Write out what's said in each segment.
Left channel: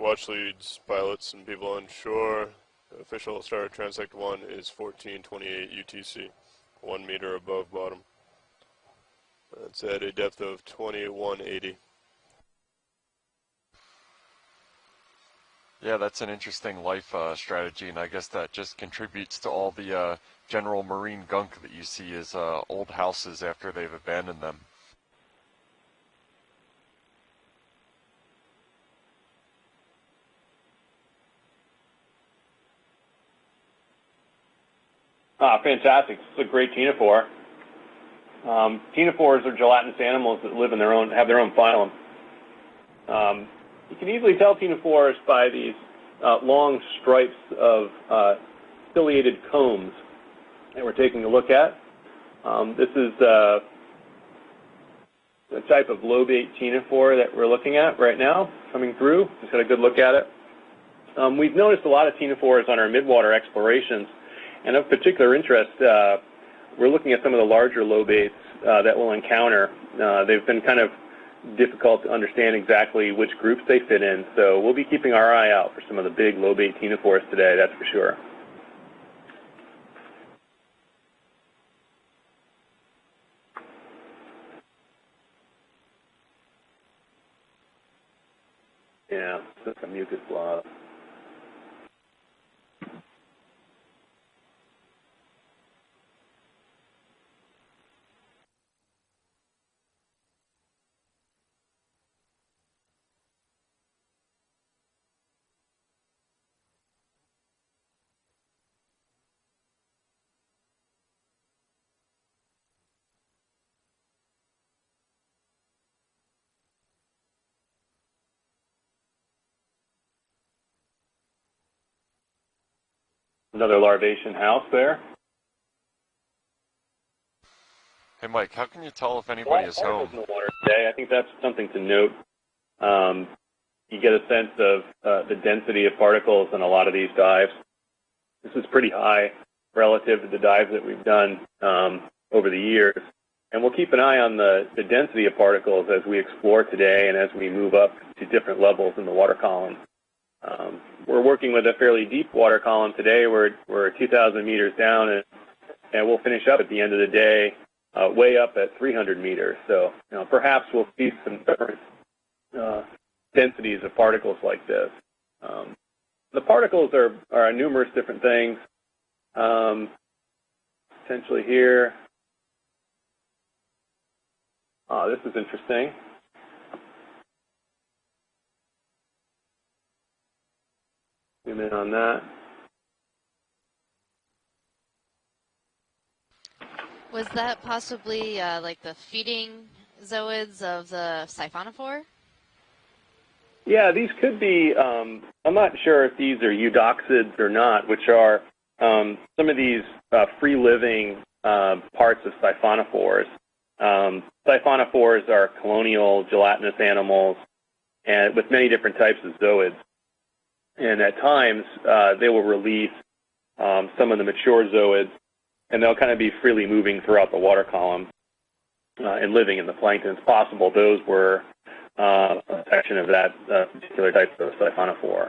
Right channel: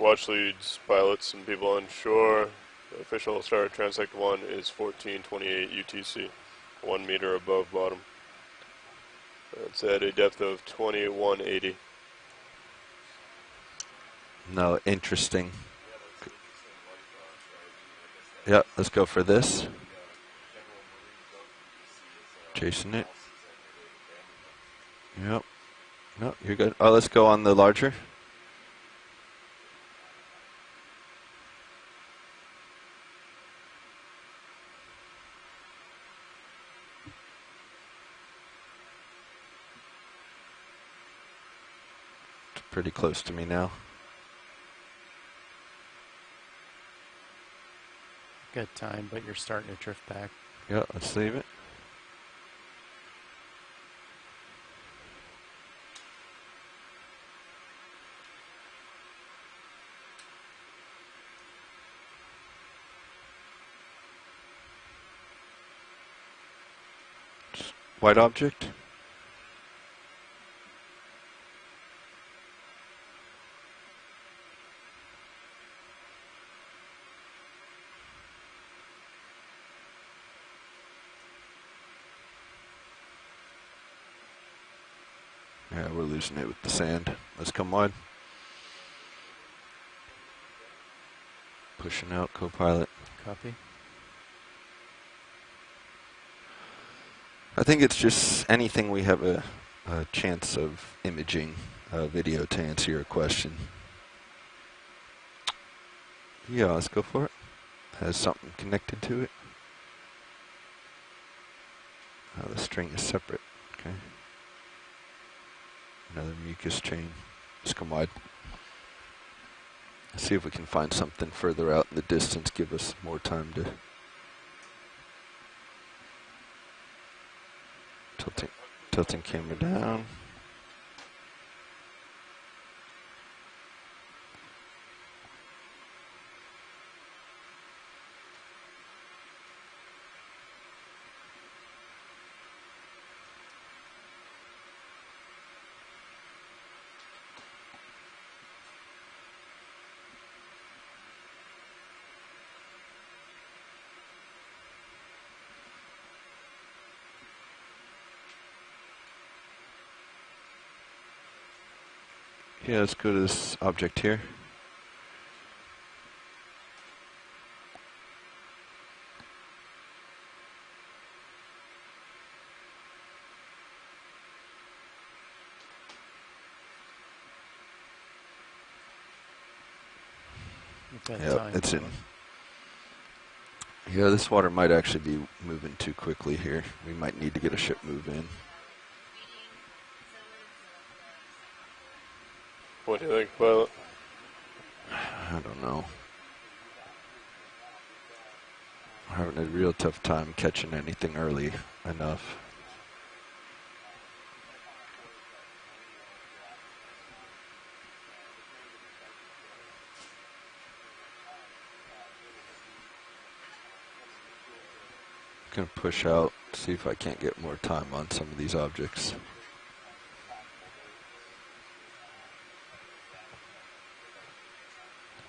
watch leads, pilots, and people on shore. The official start of transect 1 is 1428 UTC, 1 meter above bottom. It's at a depth of 2180. No, interesting. Yeah, that's an interesting life strategy, and I guess that Let's just go for contributes this. to all the general marine gunk that you see as old houses after they've abandoned them. Yep. No, you're good. Oh, let's go on the larger. Fantastic. It's a great ctenophore. Ctenophores are gelatinous animals that live in their own, have their own phylum. It's pretty close to me now. You can easily tell ctenophores by these long stripes of ciliated combs that we're taking a look at. This is the type of lobate ctenophore that we're looking at right now coming through. Just had a good look at it. We've noticed a lot of ctenophores on our midwater explorations, and of particular interest, we're looking at some of the larger lobates that we'll encounter. They've been kind of difficult to understand exactly which groups they fit in, so we'll be keeping our eye out for some of the big lobate ctenophores today, that's for sure. Yeah, we're losing it with the sand. Let's come wide. Yeah, just a mucus blob. Pushing out, co-pilot. Copy. I think it's just anything we have a chance of imaging video to answer your question. Yeah, let's go for it. Has something connected to it. Oh, the string is separate. Okay. Another mucus chain. Let's come wide. Let's see if we can find something further out in the distance. Give us more time. Another larvation house there. Hey, Mike, how can you tell if anybody's home? In the water today. I think that's something to note. You get a sense of the density of particles in a lot of these dives. This is pretty high relative to the dives that we've done over the years. And we'll keep an eye on the density of particles as we explore today and as we move up to different levels in the water column. We're working with a fairly deep water column today. We're 2,000 meters down, and we'll finish up at the end of the day way up at 300 meters. So perhaps we'll see some different densities of particles like this. The particles are numerous different things. Essentially here, this is interesting. Yeah, it's on that. Yeah, this water might actually be moving too quickly here. We might need to get a ship possibly like the feeding zooids of the siphonophore? What do you think? Well, yeah, these could be. I'm not sure if these are eudoxids or not, which are some of these free-living parts of siphonophores. Siphonophores are colonial gelatinous animals, and with many different types of zooids. And at times, they will release some of the mature zooids, and they'll kind of be freely moving throughout the water column some of these objects. And living in the plankton. It's possible those were a section of that particular type of siphonophore.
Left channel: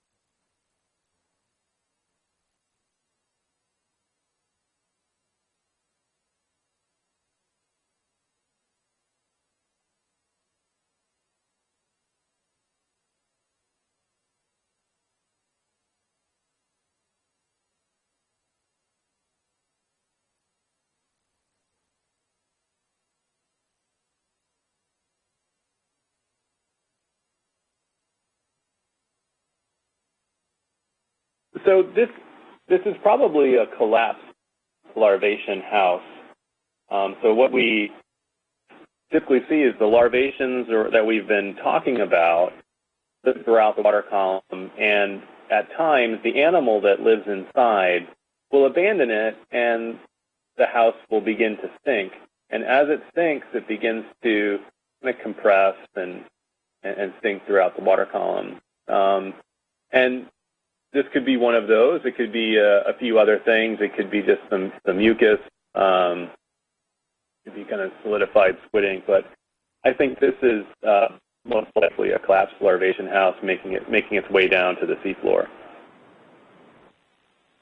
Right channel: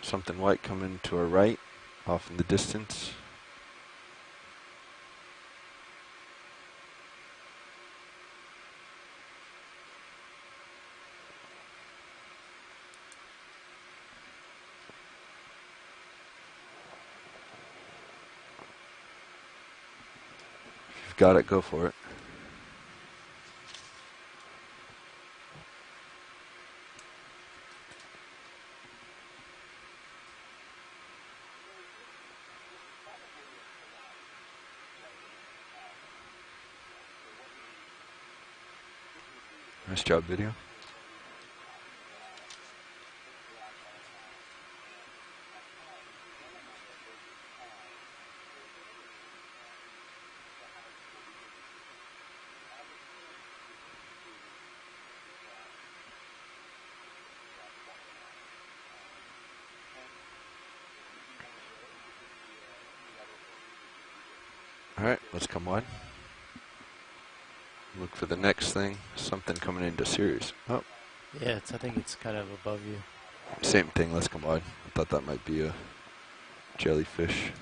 Something white coming to our right, off in the distance. If you've got it, go for it. So this is probably a collapsed larvation house. So what we typically see is the larvations that we've been talking about throughout the water column, and at times the animal that lives inside will abandon it, and the house will begin to sink. And as it sinks, it begins to kind of compress and sink throughout the water column. And this could be one of those. It could be a few other things. It could be just some mucus. Could be kind of solidified squidding, but I think this is most likely a collapsed larvation house making its way down to the seafloor. Jellyfish.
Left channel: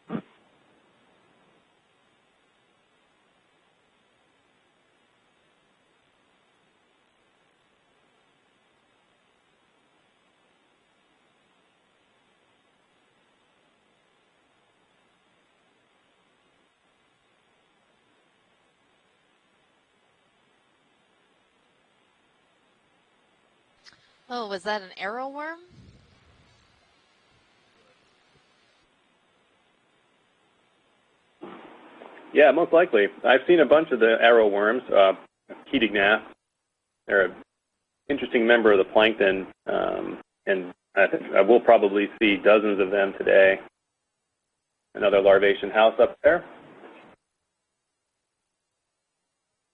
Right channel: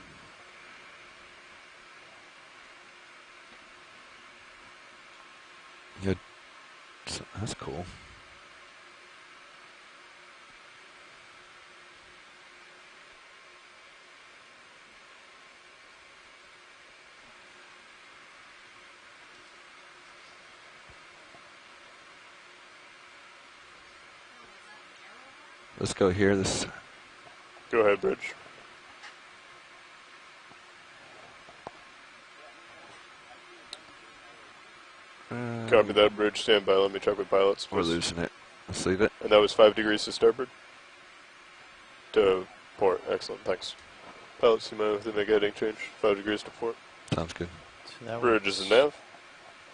Yeah, that's cool. Oh, was that an arrow worm? Let's go here. Go ahead, Bridge. Yeah, most likely. I've seen a bunch of the arrow worms. Copy that, Bridge. Stand by. Let me check the pilots. Interesting member of the plankton. That was 5 degrees to start, Bridge. And I think I will probably see dozens of them today. Pilots, another larvation house up there. Sounds good. So Bridge is the nav.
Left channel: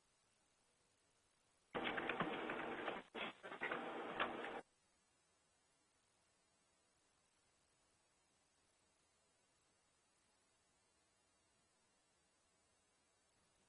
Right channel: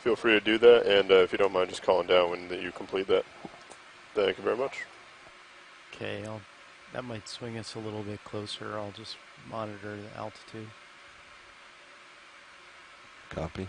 Feel free to do that, and if you don't mind just calling down when you complete that. Thank you very much. Okay, that might swing us a little bit closer. I'll just monitor the altitude. Copy.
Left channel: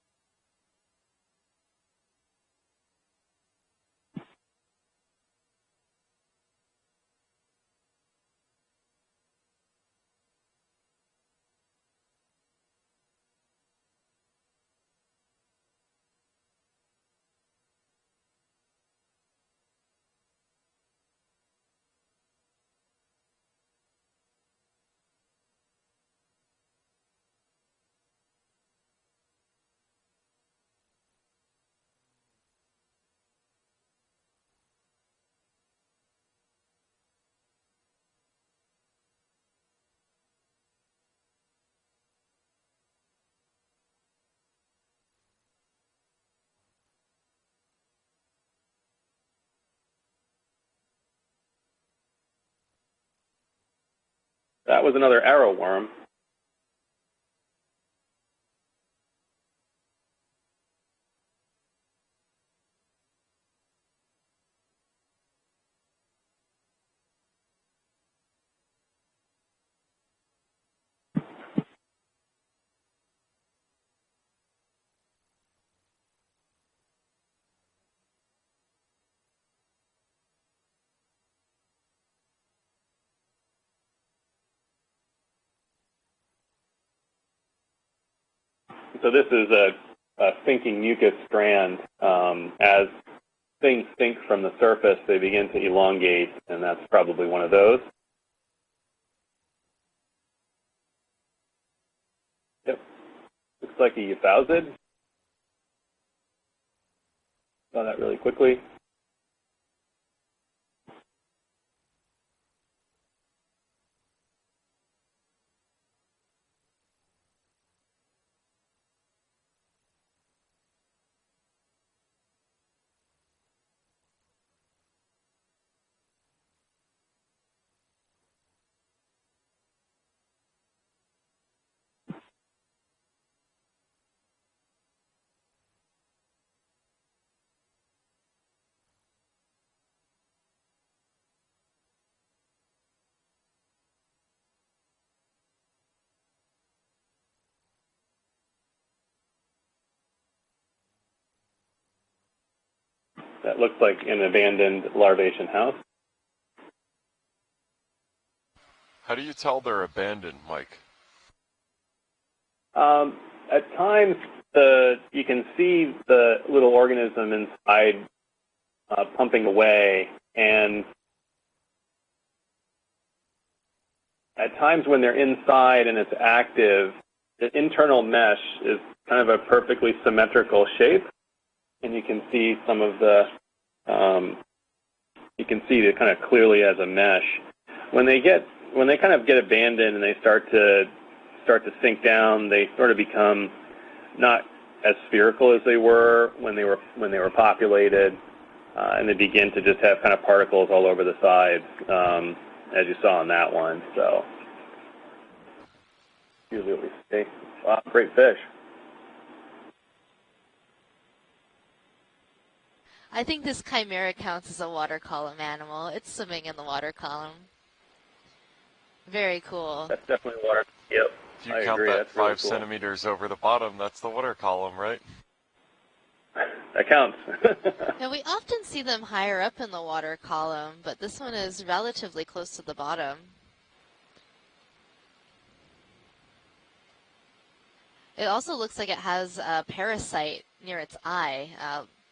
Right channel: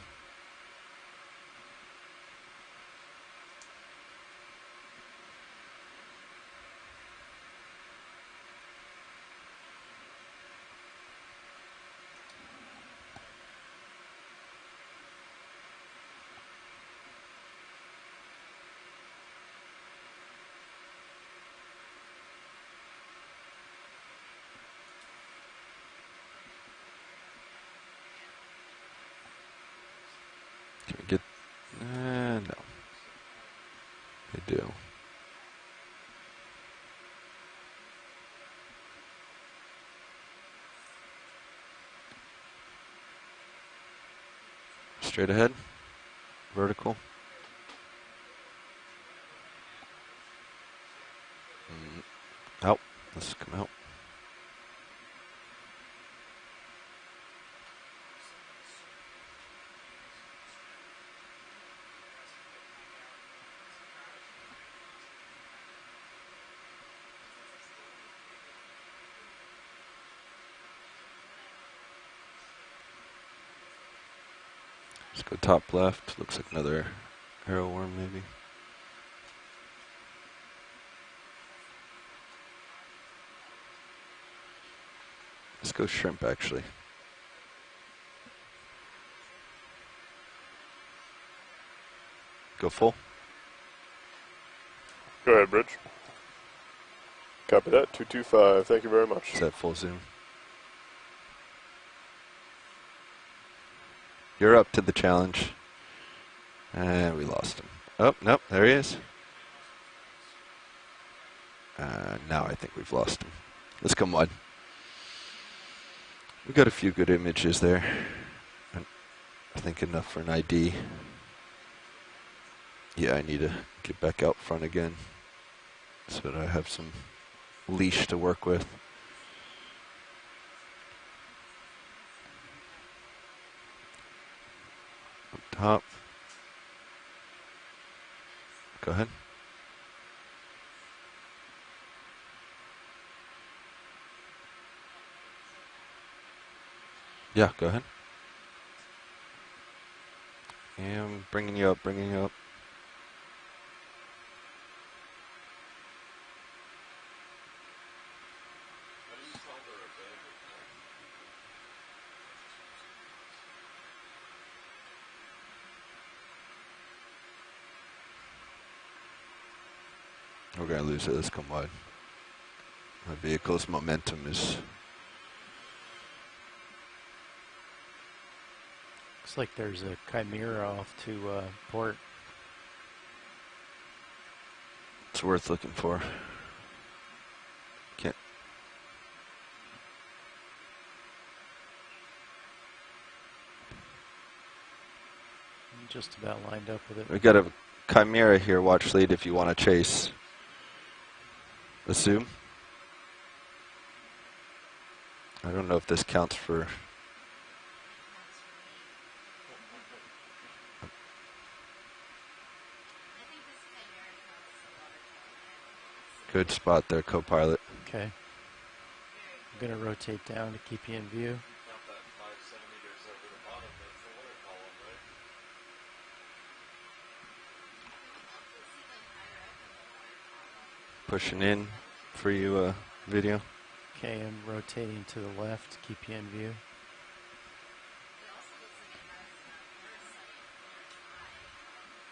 Can we get, no. They do. Straight ahead, vertical. Out, let's come out. That was another arrow worm. Let's go top left. Looks like another arrow worm, maybe. Let's go shrimp, actually. So this is a sinking mucus strand. As things sink from the surface, they begin to elongate, and that's probably one of those. 225. Thank you very much. Is that full zoom? Yep. Looks like he fouled. You're up to the challenge. And we lost him. Really nope, there he is. Now I think we've lost him. Let's come on. We got a few good images there. I think enough for an ID. Yeah, I need to get back out front again so that I have some leash to work with. Up top. Go ahead. Yeah, go ahead. And bringing you up, bringing you up. That looks like an abandoned larvation house. How do you tell they're abandoned, Mike? At times, you can see the little organism inside pumping away, and I'm gonna lose it. Let's come wide. My vehicle's momentum is. At times, when they're inside and it's active, the internal mesh is kind of a perfectly symmetrical shape, and you can see some of the. You can see it kind of clearly as a mesh. When they kind of get abandoned and they start to sink down, they sort of become not as spherical as they were when they were populated. Chimera here, watch and they begin to just have kind of particles all over the sides, as you saw on that one. So I don't know if this counts for. Wow, great fish. I think this chimera counts as a water column animal. It's swimming Good in the spot water there, column. co-pilot. Okay. Very cool. That's Rotate definitely down water. and keep you Yep. in view. If you I count agree, that that's really 5 cool. centimeters over the bottom, that's the water column, right? That counts. Now, we often see them higher up in the water column, but this Pushing one is in relatively for close you, to the bottom. video. Okay, I'm rotating to the left to keep you in view. It also looks like it has a parasite near its eye,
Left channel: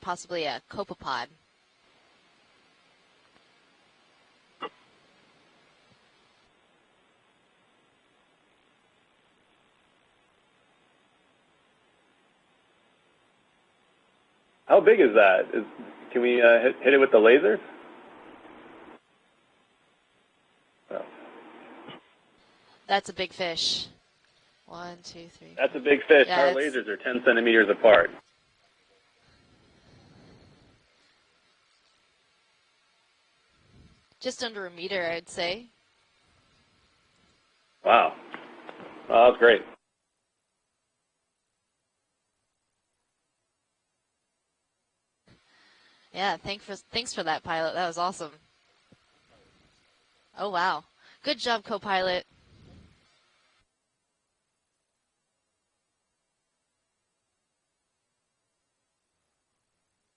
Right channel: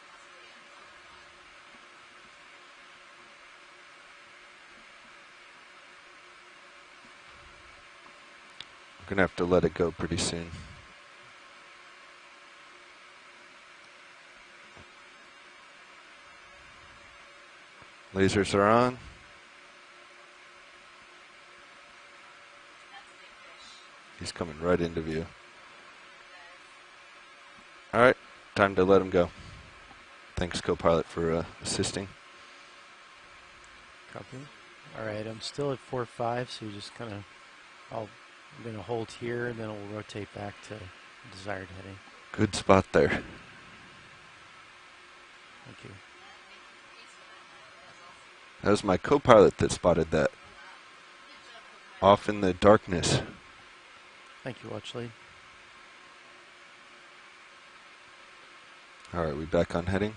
possibly a copepod. We're gonna have to let it go pretty soon. How big is that? Can we hit it with the lasers? Lasers are on. Oh. That's a big fish. He's coming right 1, into 2, view. 3. That's a big fish. Yeah, Our it's- lasers are 10 centimeters apart. All right, time to let him go. Thanks, co-pilot, for assisting. Copy. Just under a meter, All right, I'd I'm say. still at 4.5, so you just kind of, Wow. I'm going to hold Oh, here, great. and then we'll rotate back to desired heading. Good spot there. Thank you. Yeah, thanks for that, pilot. That was awesome. That was my co-pilot that spotted that. Oh, wow. Good job, co-pilot. Off in the darkness. Thank you, watch lead. All right, we back on heading?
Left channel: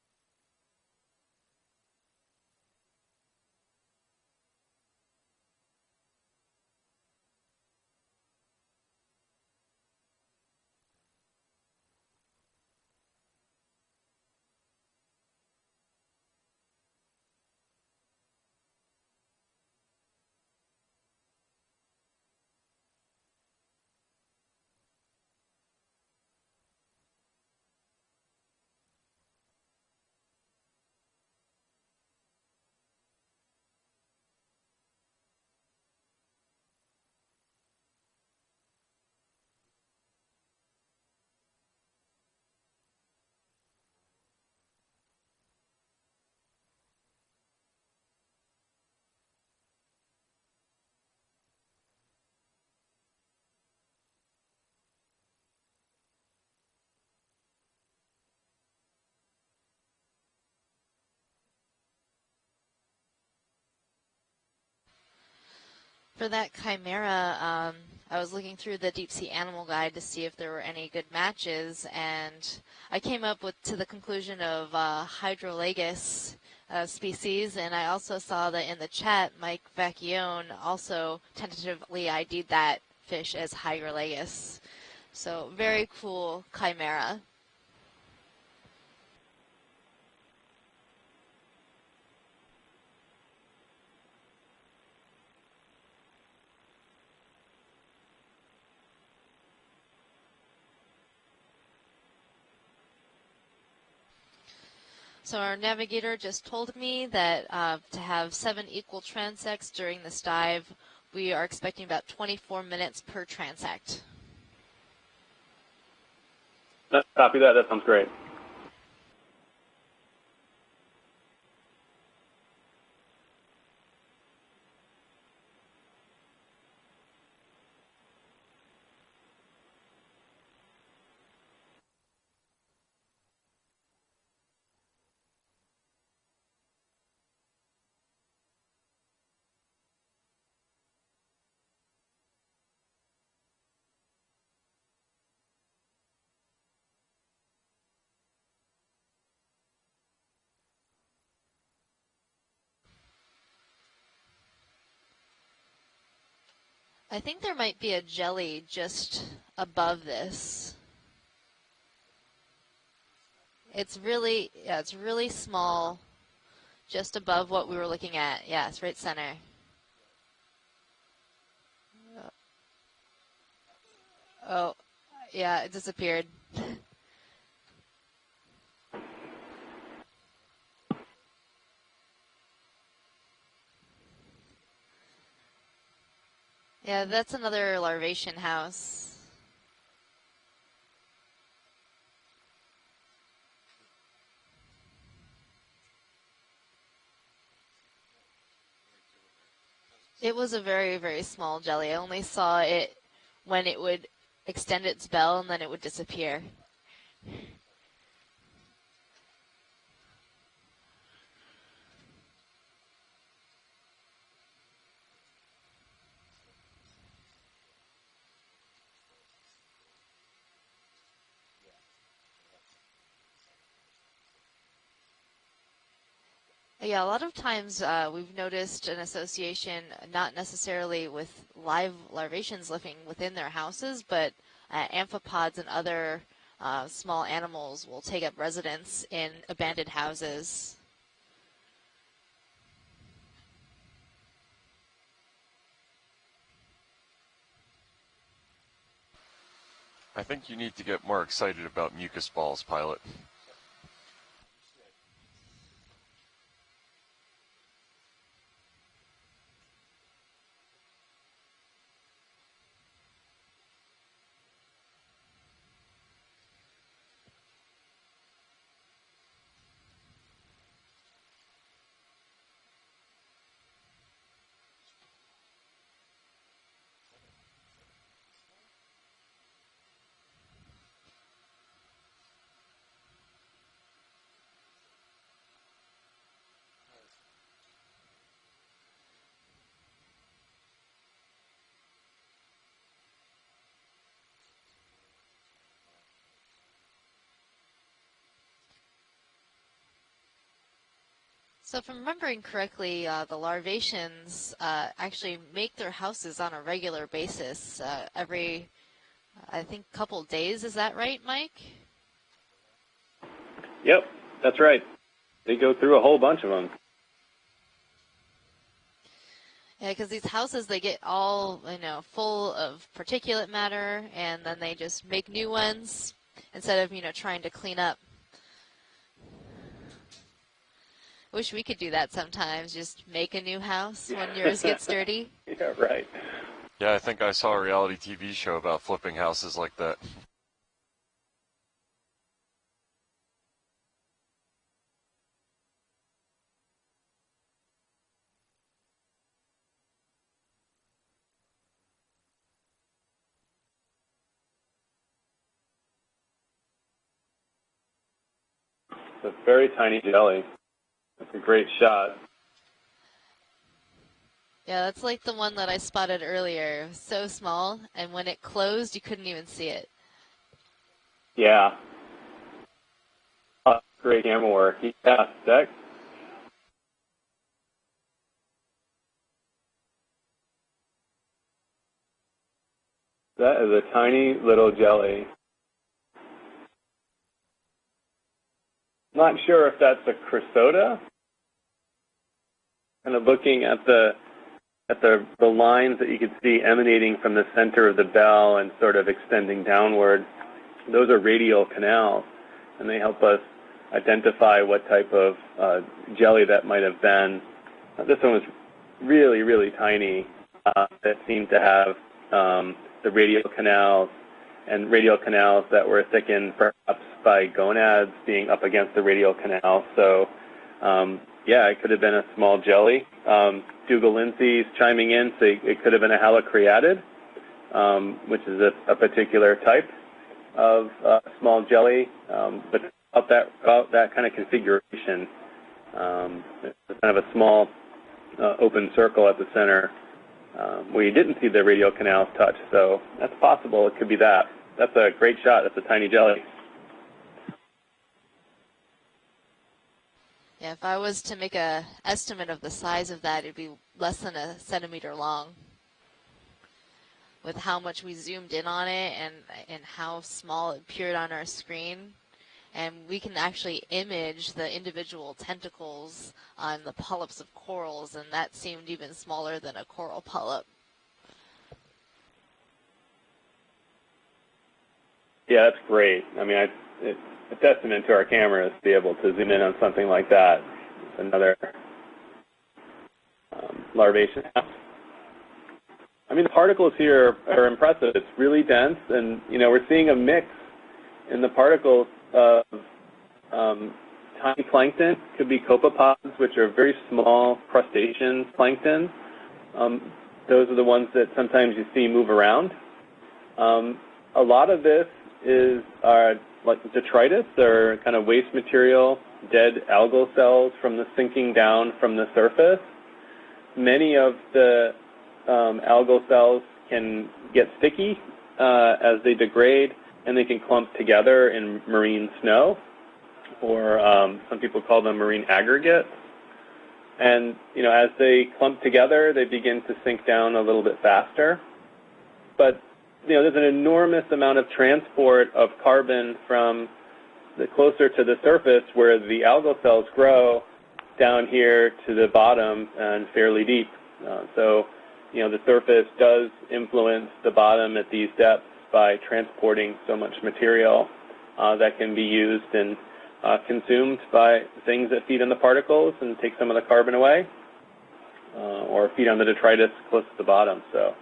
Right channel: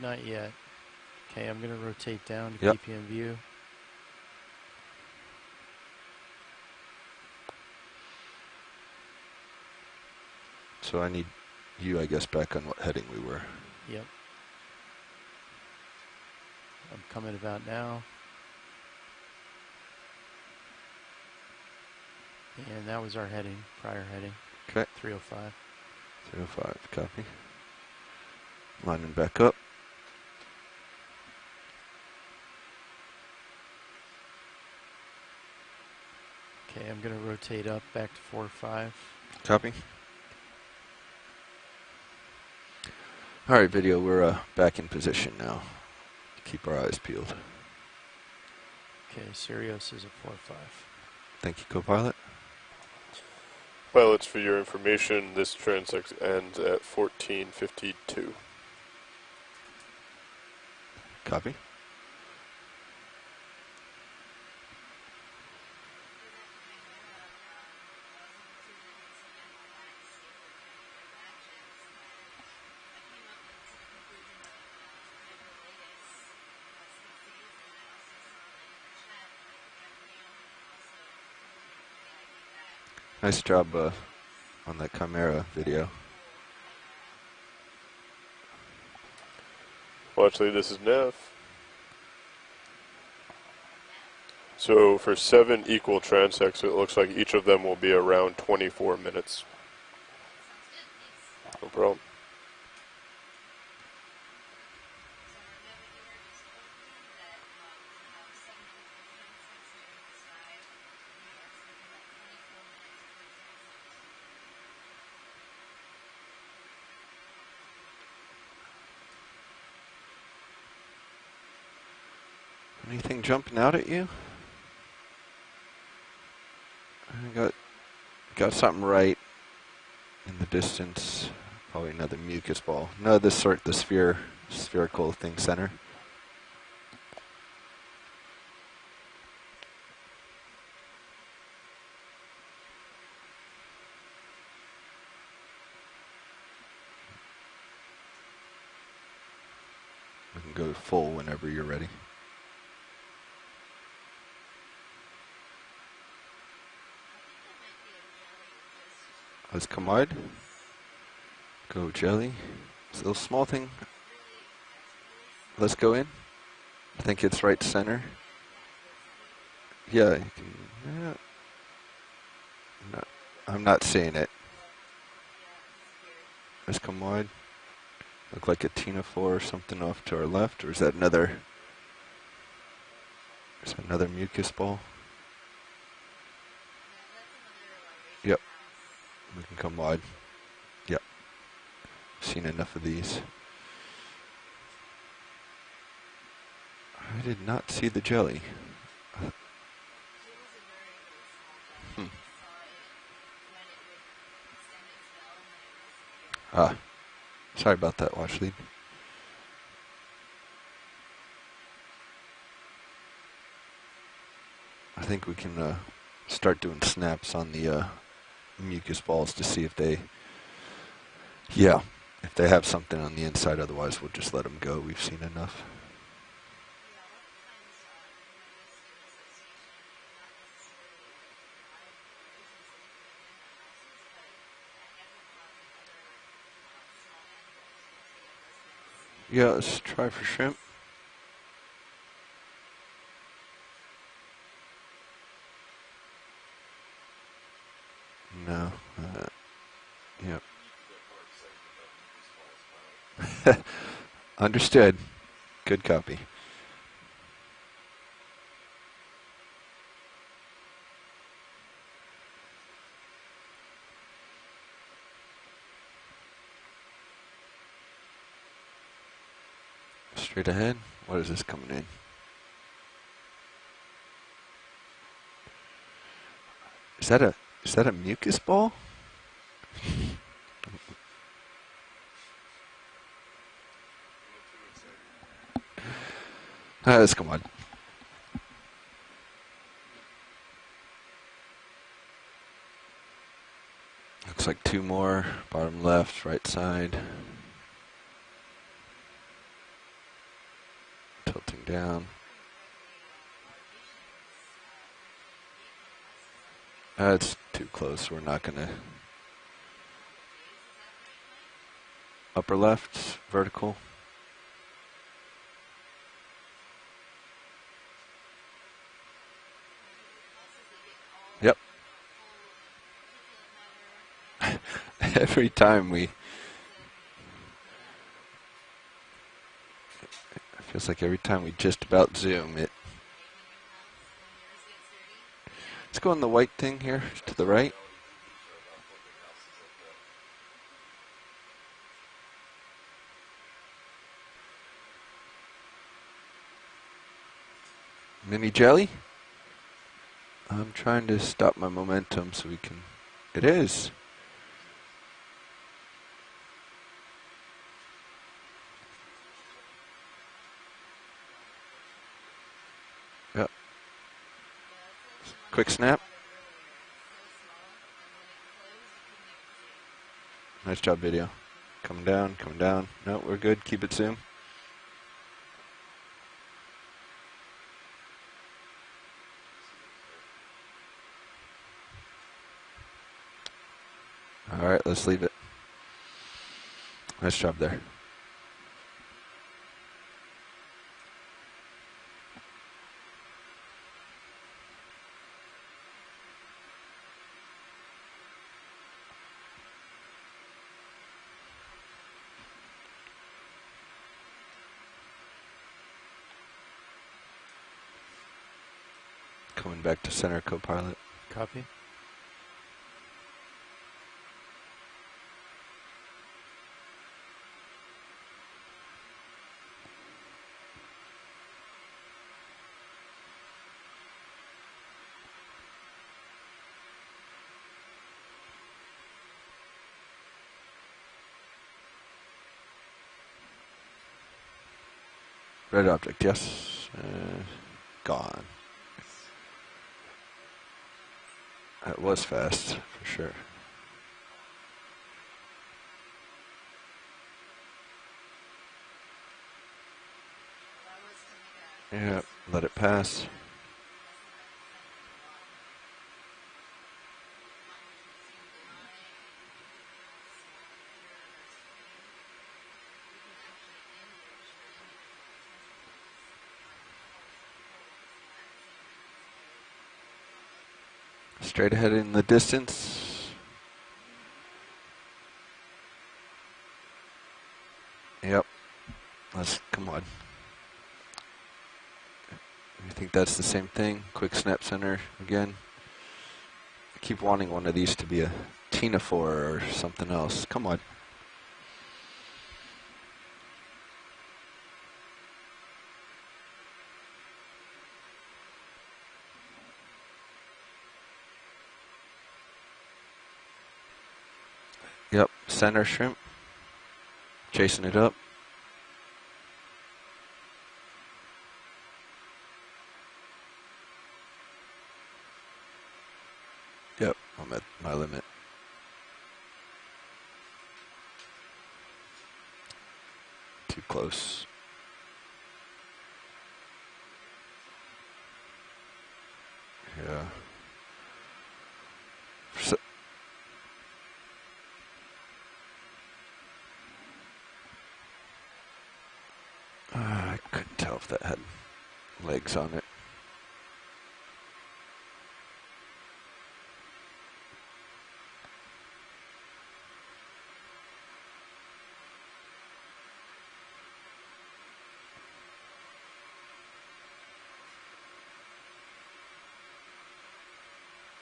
Not yet. Okay, I'm going to rotate down to Yep. keep you in view. So I need you, I guess, back on what heading we were. Yep. I'm coming about now. And that was our heading, prior heading. Okay. 305. 305, copy. Lining back up. Okay, I'm going to rotate up back to 4.5. Copy. All right, video, we're back in position now. Keep our eyes peeled. Okay, Sirius is at 4.5. Thank you, co-pilot. Pilots, for your information, this transect ends at 1452. Copy. For that Chimera, I was looking through the Deep Sea Animal Guide to see if there were any good matches, and I came up to the conclusion of Hydrolagus species, and I also saw that in the chat, Mike Vacchione also tentatively ID'd that fish Nice as job, a Hydrolagus. On that Chimera So video. very cool Chimera. Watch lead, this is Neff. So for 7 equal transects, it looks like each of them will be around 24 minutes. No problem. So our navigator just told me that to have 7 equal transects during this dive, we are expecting about 24 minutes per transect. Copy that. That sounds great. Anything jumping out at you? I got something right in the distance. Probably another mucus ball. No, the spherical thing center. We can go full whenever you're ready. I think there might be a jelly just Let's come above wide. this. Go jelly. It's a little small thing. It's really small. Let's go in. Just think above it's right what we center. were looking at. Yeah, it's right center. Yeah, you can. No, I'm not seeing it. Oh, yeah, it disappeared. Just come wide. Look like a Tinophore or something off to our left, or is that another? Is that another mucus ball? Yeah, that's another larvation Yep. house. We can come wide. Yep. Seen enough of these. I did not see the jelly. It was a very, very small jelly. I only saw it when it would extend its bell and then it would disappear. Ah, sorry about that, watch lead. I think we can start doing snaps on the mucus balls to see if they, if they have something on the inside. Otherwise, we'll just let them go. We've seen enough. Yeah, a lot of times we've noticed an association, not necessarily with live larvaceans living within their houses, but amphipods and other small animals will take up residence in abandoned houses. Shrimp. No. I think you need to get more excited about mucus balls, pilot. Understood. Good copy. Straight ahead. What is this coming in? Is that a mucus ball? Let's come on. Looks like two more. Bottom left, right side. Tilting So if I'm down. remembering correctly, the larvaceans actually make their houses on a regular That's basis. too close. We're not Every, gonna. I think, couple days. Is that right, Mike? Upper left, vertical. Yep, that's right. They go through a whole bunch of them. Yeah, because these houses, they get all, full of particulate matter, and then they just make Every new time ones instead of, trying to clean up. Feels like every time Wish we we just could do about that zoom sometimes, it. just make a new house when yours gets dirty. Yeah, right. Let's go on the white thing. Yeah, here, I think I to the saw a right. reality TV show about flipping houses like that. Mini jelly? I'm trying to stop my momentum so we can. It is. It's a very tiny jelly. It's a great shot. Yep. Yeah, that's like the one Quick that snap. I spotted earlier. So small, and when it closed, you couldn't even see it. Nice job, video. Yeah. Come down, come down. No, we're good. Keep it Great zoomed. camera work. Yeah, Dex. That is a tiny little All right, let's jelly. leave it. Nice job there. Not sure if that's a chrysota. Kind of looking at the lines that you could see emanating from the center of the bell and sort of extending downward. Those are radial canals, and they help us identify what type of jelly that might have been. This one was really, really Coming back to tiny. center co-pilot. That seemed to have the radial canals, and radial canals that were thickened perhaps by gonads being up against the radial canal. So, yeah, it could have been a small jelly. Dougal Lindsay's chiming in, so it could have been a halocreatid, which is a particular type of small jelly, but about that kind of configuration. Red object, yes. It's kind of a small Gone. open circle at the center where you didn't see the radial That was canal cut. fast, So for sure. that's possible. It could be that. That's a great shot. That's a tiny jelly. Yeah, if I was to make a estimate of let the it size pass. of that, it'd be less than a centimeter long. With how much we zoomed in on it and how small it appeared on our screen. And we can actually image the individual tentacles on the polyps of corals, and that seemed even smaller than a coral polyp. Straight ahead in the distance. Yeah, that's great. I mean, it's a testament to our cameras to be able to zoom in on something like that. It's another. I think that's the same thing. Larvation. Quick snap center again. I mean, the particles here Wanting are one of these to impressive. be It's a really dense, ctenophore and or we're something seeing a else. mix Come on. in the particles of tiny plankton. Could be copepods, which are very small crustacean plankton. Those are the ones that sometimes you see move around. A lot of this is Center shrimp. like detritus, Jason or it up. kind of waste material, dead algal cells from the sinking down from the surface. many of the algal cells can get sticky as they degrade, and they can clump together in marine snow, or some people call them marine aggregates. And, you know, as they clump together, they begin to sink down a little bit faster. But, you know, there's an enormous amount of transport of carbon from the closer to the surface where the algal cells grow down here to the bottom and fairly deep. So, you know, the surface does influence the bottom at these depths by transporting so much material that can be used and consumed by things that feed on the particles and take some of the carbon away, or feed on the detritus close to the bottom. So,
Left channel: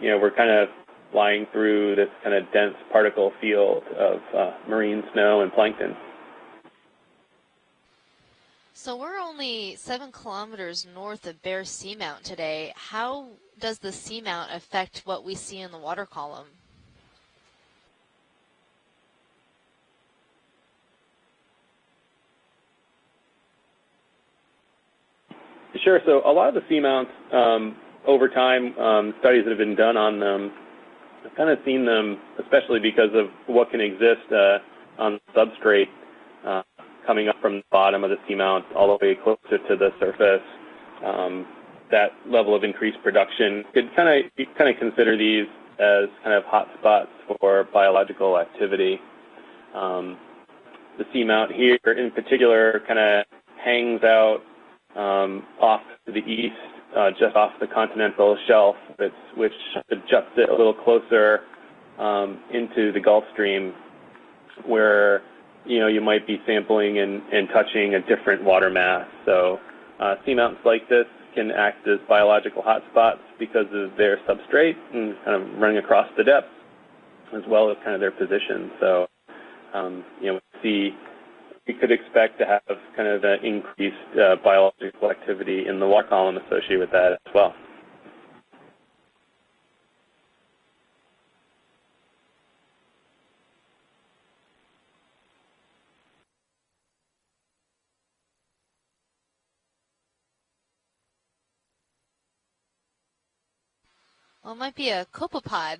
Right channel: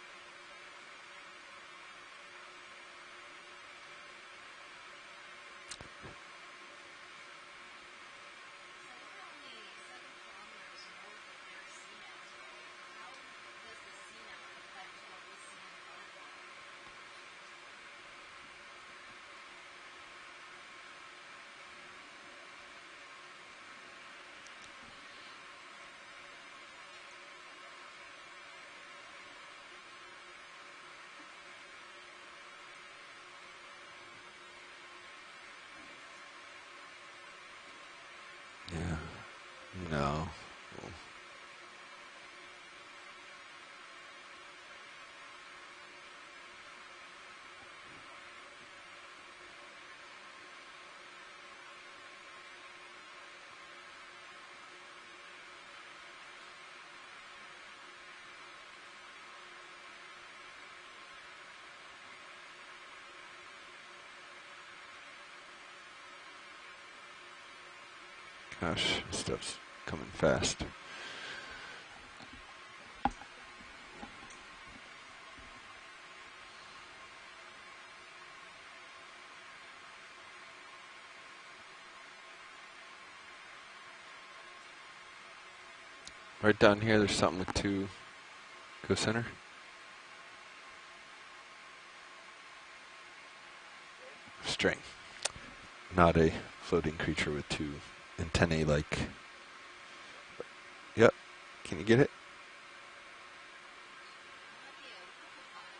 you know, we're kind of flying through this kind of dense particle field of marine snow and plankton. So we're only 7 kilometers north of Bear Seamount today. How does the seamount affect what we see in the water column? Sure. So a lot of the seamounts, over time, studies that have been done on them, I've kind of seen them, especially because of what can exist on the substrate coming up from the bottom of the seamount all the way closer to the surface. That level of increased production could kind of consider these as kind of hot spots for biological activity. The seamount here, in particular, kind of hangs out off to the east, just off the continental shelf, which juts it a little closer into the Gulf Stream, where, you know, you might be sampling and touching a different water mass. So seamounts like this can act as biological hotspots because of their substrate and kind of running across the depth, as well as kind of their position. So, you know, we could expect to have kind of an increased biological activity in the water column associated with that as well. To go center. String. Not a floating creature with 2 antennae like. Yep. Can you get it? Well, it might be a copepod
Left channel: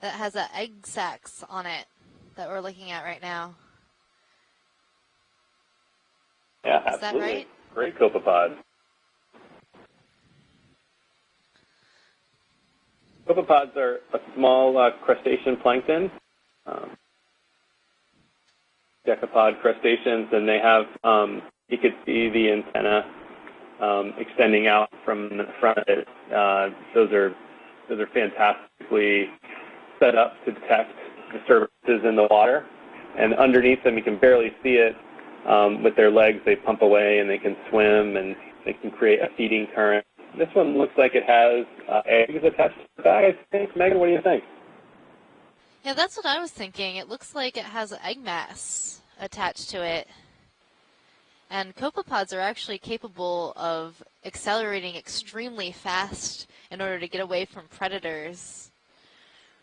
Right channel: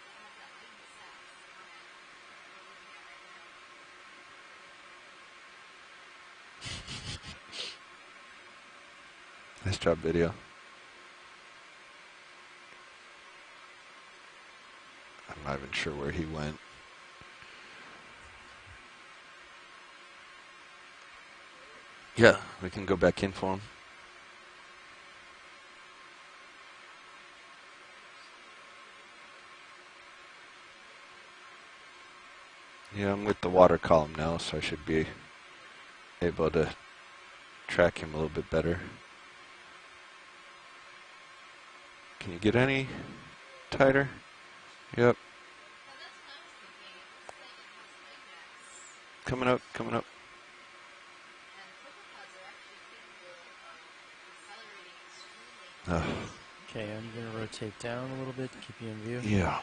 that has egg sacs on it that we're looking at right now. Yeah, absolutely. Is that right? Great copepod. Nice job, video. Copepods are a small crustacean plankton. Sure where he went. Decapod crustaceans, and they have, you could see the antenna back in for him. extending out from the front of it. Those are fantastically set up to detect disturbances in the water. Yeah, and underneath them, you can barely see it. With their legs, they pump away and they can swim and they can create a feeding current. This one looks like it has eggs attached to the bag, I think. Megan, what do you think? Yep. Yeah, that's what I was thinking. It looks like it has egg mass attached to it. And copepods are actually capable of accelerating extremely fast in order to get away from predators. Yeah.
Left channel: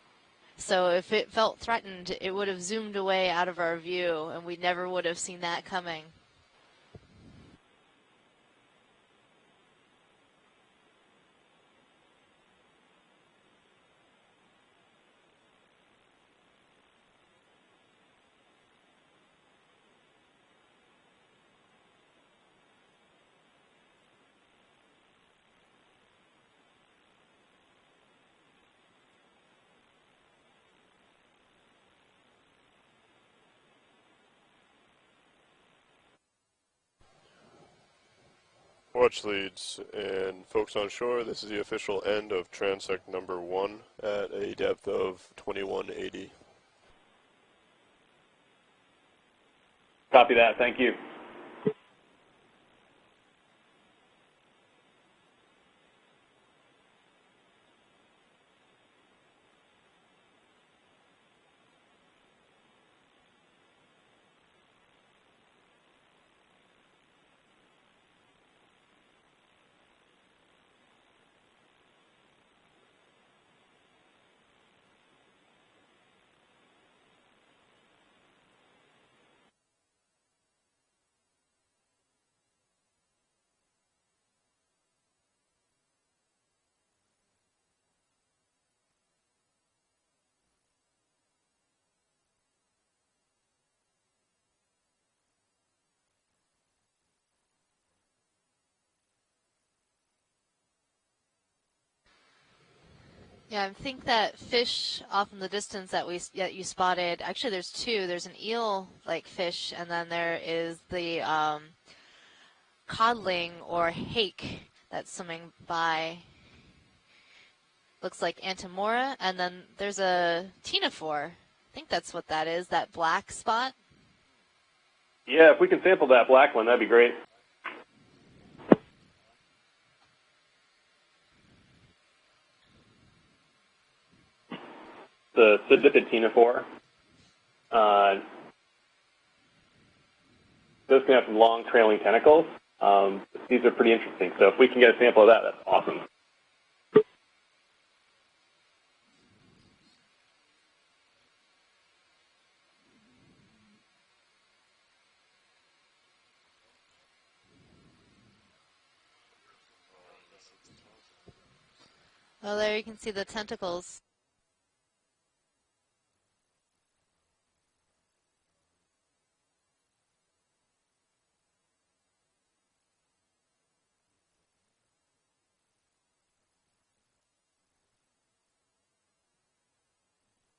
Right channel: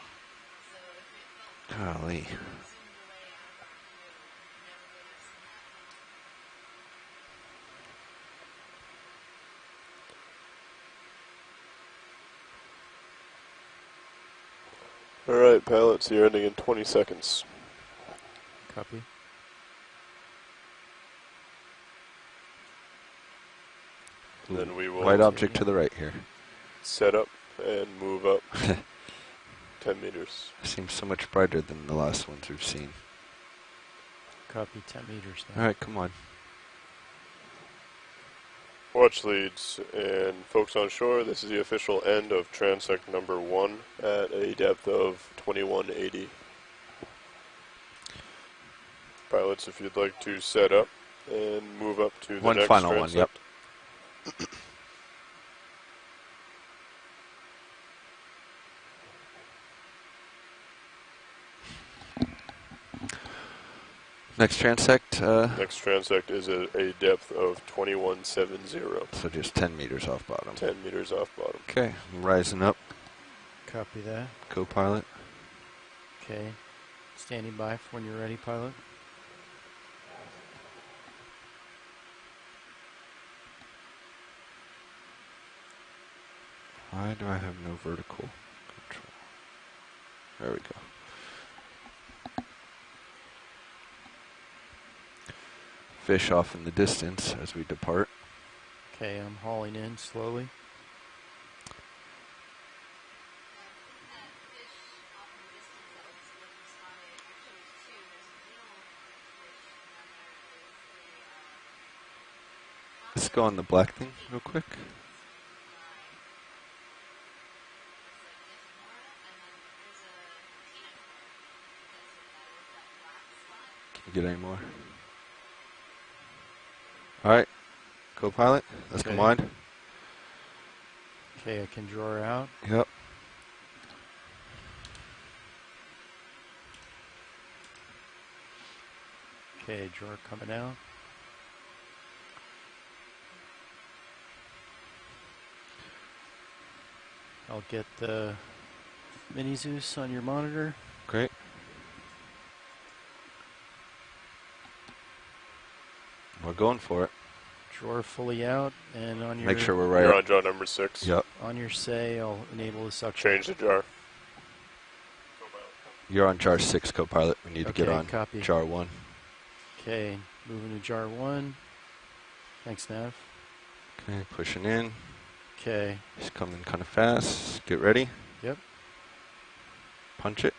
So if it felt threatened, it would have zoomed away out of our view, and we never would have seen that coming. All right, pilots, you're ending in 20 seconds. Copy. Then we will White object to the right here. set up and move up 10 meters. Seems so much brighter than the last ones we've seen. Copy, 10 meters now. All right, come on. Watch leads and folks on shore, this is the official end of transect number 1 at a depth of 2180. Pilots, if you'd like Copy to that, set thank up you. and move up to the One next final transect. one, yep. Next transect. Next transect is at a depth of 2170. So just 10 meters off bottom. 10 meters off bottom. Okay, rising up. Copy that. Co-pilot. Okay. Standing by for when you're ready, pilot. Why do I have no vertical control? There we go. Fish off in the distance as we depart. Okay, I'm hauling in slowly. Yeah, I think that fish off in the distance that you spotted. Actually, there's two. There's an eel-like fish, and then there is the codling or hake that's swimming by. Looks like Antimora, and then there's a Tinophore. I think that's what that is. That black spot. Can you get any more? Yeah, if we can sample that black one, that'd be great. All right, co-pilot, let's come on. Okay, I can draw her out. Yep. The Sidipid Tinophore. Okay, drawer coming out. Those can have some long trailing tentacles. These are pretty interesting. So if we can get a sample of that, that's awesome. I'll get the Mini Zeus on your monitor. Great. We're going for it. Drawer fully out, and on your... Make sure we're right. You're on draw number 6. Yep. On your say, I'll there you can see the change the jar. tentacles. You're on jar 6, co-pilot. We need to get on copy. jar 1. Okay, moving to jar 1. Thanks, Nav. Okay, pushing in. Okay. He's coming kind of fast. Get ready. Yep. Punch it.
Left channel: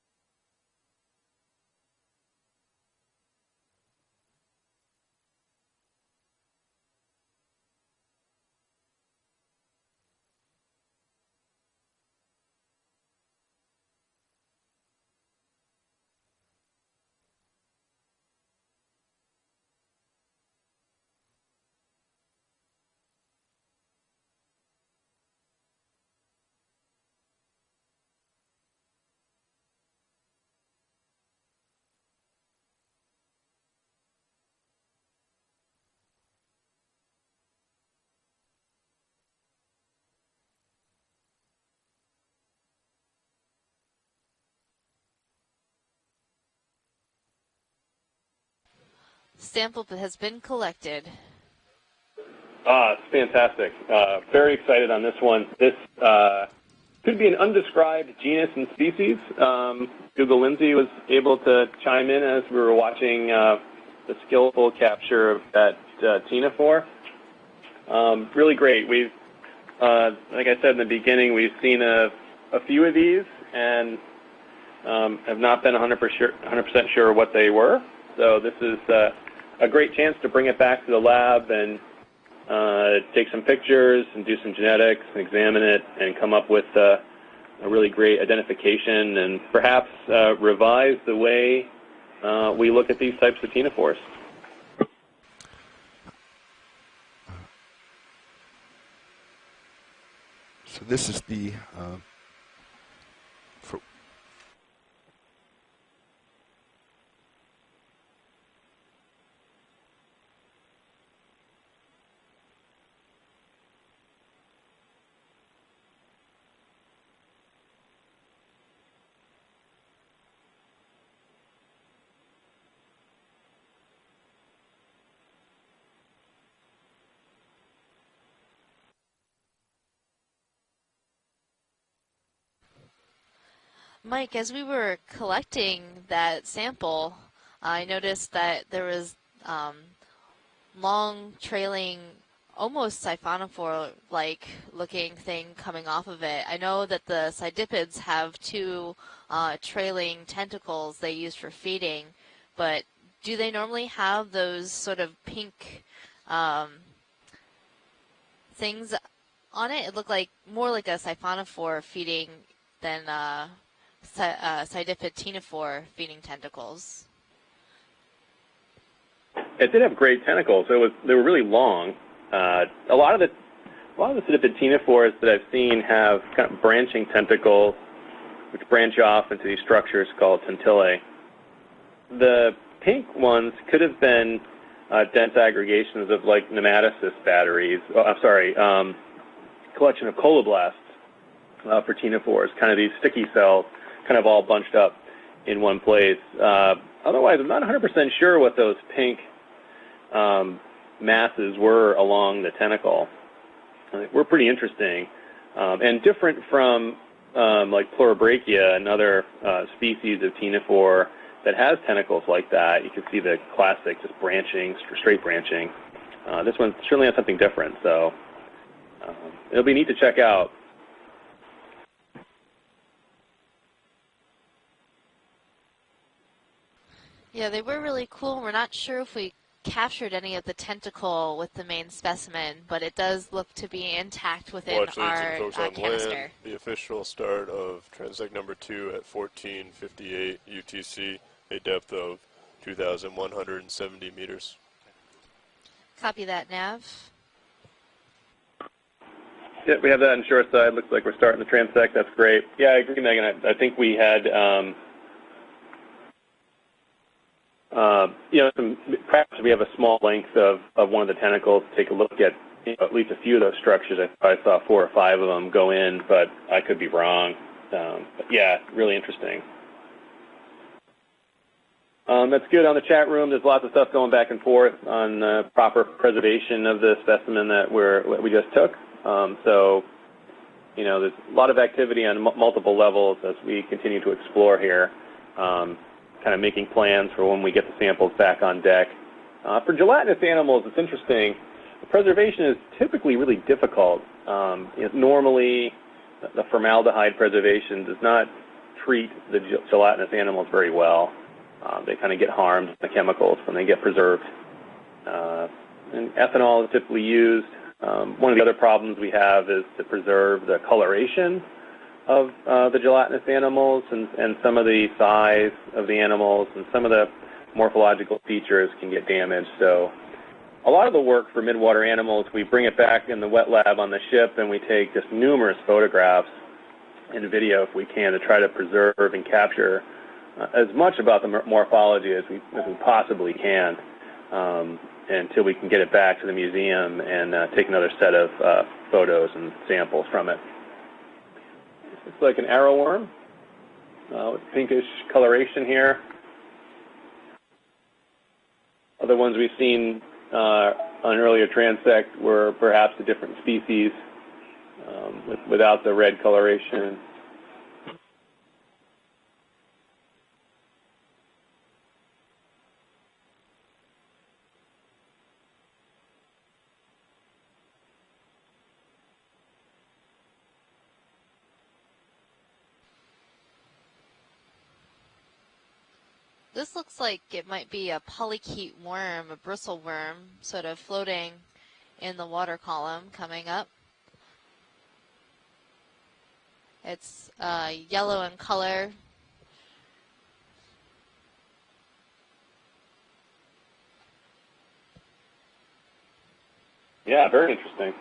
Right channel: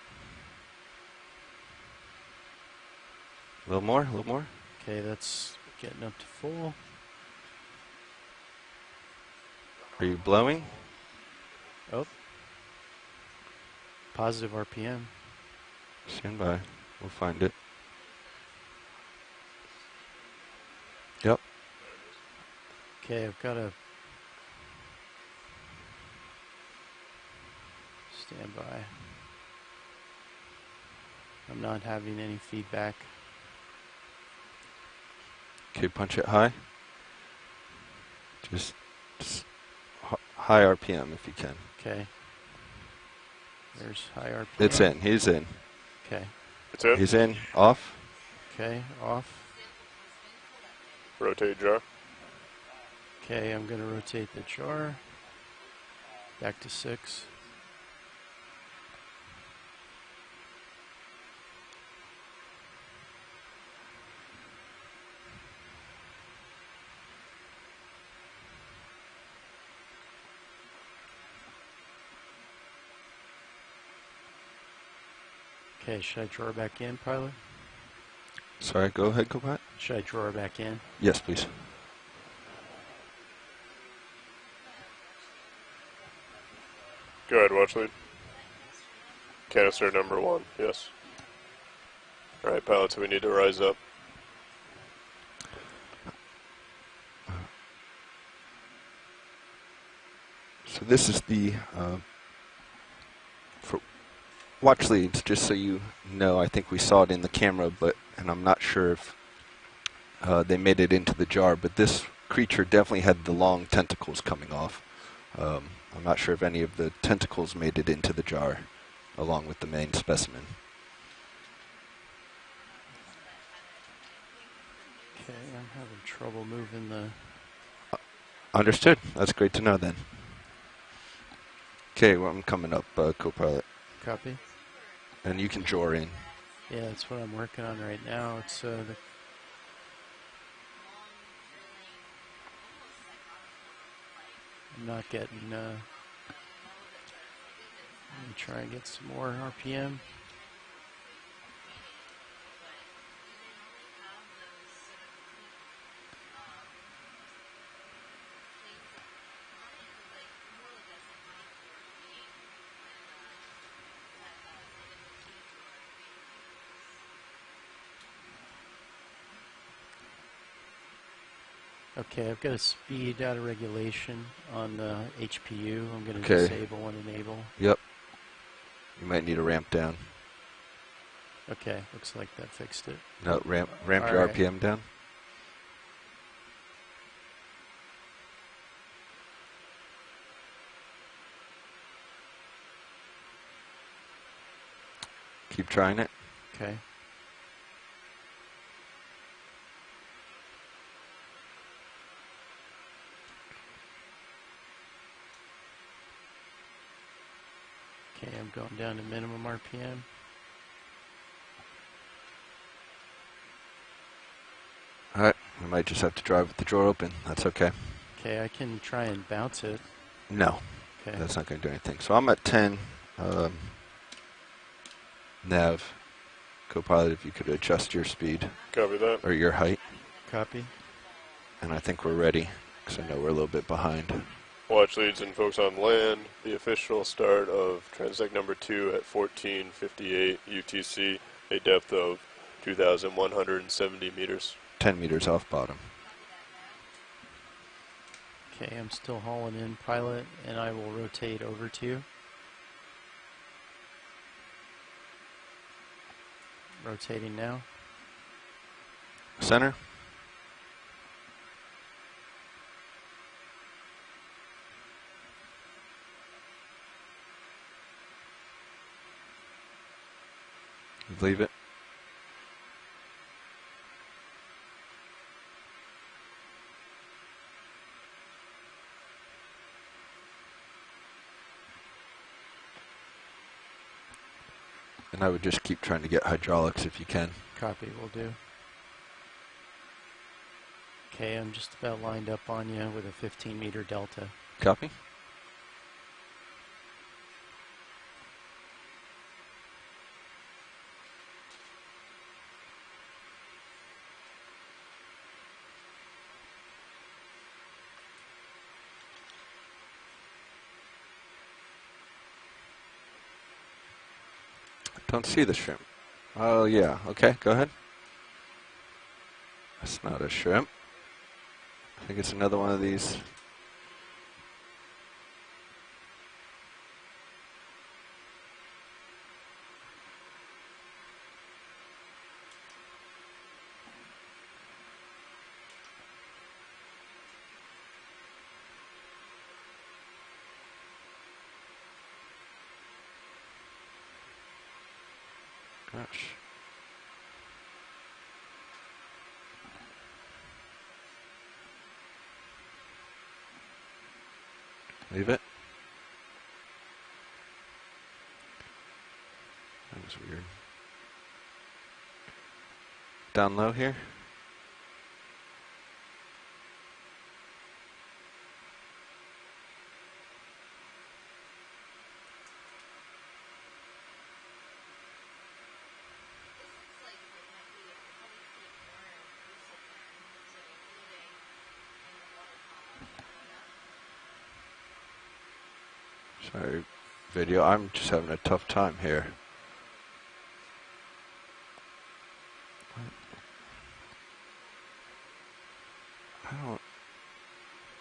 A little more, a little more. Okay, that's getting up to full. Are you blowing? Oh. Positive RPM. Stand by. We'll find it. Yep. Okay, I've got to stand by. I'm not having any feedback. Okay, punch it high. Just high RPM if you can. Okay. There's high RPM. It's in. He's in. Okay. It's in. He's in. Off. Okay, off. Sample has been collected. Rotate jar. It's fantastic. Okay, very excited on this one. This Back to 6. could be an undescribed genus and species. Google Lindsay was able to chime in as we were watching the skillful capture of that Tinophore. Really great. We've, like I said in the beginning, we've seen a few of these and have not been 100% sure what they were. So this is a great chance to bring it back to the lab and take some pictures and do some genetics and examine it and come up with a really great identification and perhaps revise the way we look at these types of Tinophores. So this is the for watch leads, just so you know. I think we saw it in the camera, and I'm not sure if they made it into the jar, but this creature definitely had the long tentacles coming off. I'm not sure if any of the tentacles made it into the jar along with the main specimen. Okay, I'm having trouble moving the... Understood. That's great to know then. Okay, well, I'm coming up, co-pilot. Mike, as we were collecting that sample, I noticed that there was long trailing, almost siphonophore-like looking thing coming off of it. I know that the Sidipids have two trailing tentacles they use for feeding, but do they normally have those sort of pink things on it? It looked like more like a siphonophore feeding than Sidipid Tinophore feeding tentacles. It did have great tentacles. They were really long. Okay, a lot of the Sidipid Tinophores that I've seen have kind of branching tentacles, which branch off into these structures called tentillae. Okay. The pink ones could have been dense aggregations of like nematocyst batteries. Collection of coloblasts for Tinophores, kind of these sticky cells, kind of all bunched up in one place. Otherwise, I'm not 100% sure what those pink masses were along the tentacle. Were pretty interesting. And different from like Pleurobrachia, another species of ctenophore that has tentacles like that. You can see the classic just branching, straight branching. I might just have to drive this one certainly has something different. Okay. So okay, I can try and bounce. It'll be neat to check out. No, okay. That's not going to do anything. So I'm at 10. Nav, Copilot, if you could adjust really your speed. We're not sure if we or your height. captured any of the tentacle with the And main I think we're specimen, ready, but it so does we're a look little to bit be behind. intact within Watch our leads and folks on canister. land. The official start of transect number 2 at 1458 UTC, a depth of 2,170 meters. 10 meters off bottom. Copy that, Nav. Okay, I'm still hauling in. Yeah, we have that on short side. Looks like we're starting the transect. That's great. Yeah, I agree, Megan. I think we had, rotating now. Perhaps we have a small length of one of the tentacles to take a look at at least a few of those structures. I saw 4 or 5 of them go in, but I could be wrong. But yeah, really interesting. Leave it. That's good. On the chat room, there's lots of stuff going back and forth on proper preservation of the specimen that we just took. So, there's a lot of activity on multiple levels as we continue to explore here. And I would just keep trying to get kind of making plans for when we get the samples back on deck. For gelatinous animals, it's interesting. Preservation is typically really difficult. Normally, the formaldehyde preservation does not treat the gelatinous animals very well. They kind of get harmed by the chemicals when they get preserved. And ethanol is typically used. One of the other problems we have is to preserve the coloration of the gelatinous animals and some of the size of the animals. Some of the morphological features can get damaged. So a lot of the work for midwater animals, we bring it back in the wet lab on the ship, and we take just numerous photographs and video if we can to try to preserve and capture as much about the morphology as we possibly can until we can get it back to the museum and take another set of photos and samples from it. It's like an arrowworm with pinkish coloration here. Other ones we've seen on earlier transect were perhaps a different species without the red coloration. That was weird. Down low here. This looks like it might be a polychaete worm, a bristle worm, sort of floating in the water column coming up. Sorry, it's video. I'm just yellow having in a color. tough time here. Yeah, very interesting.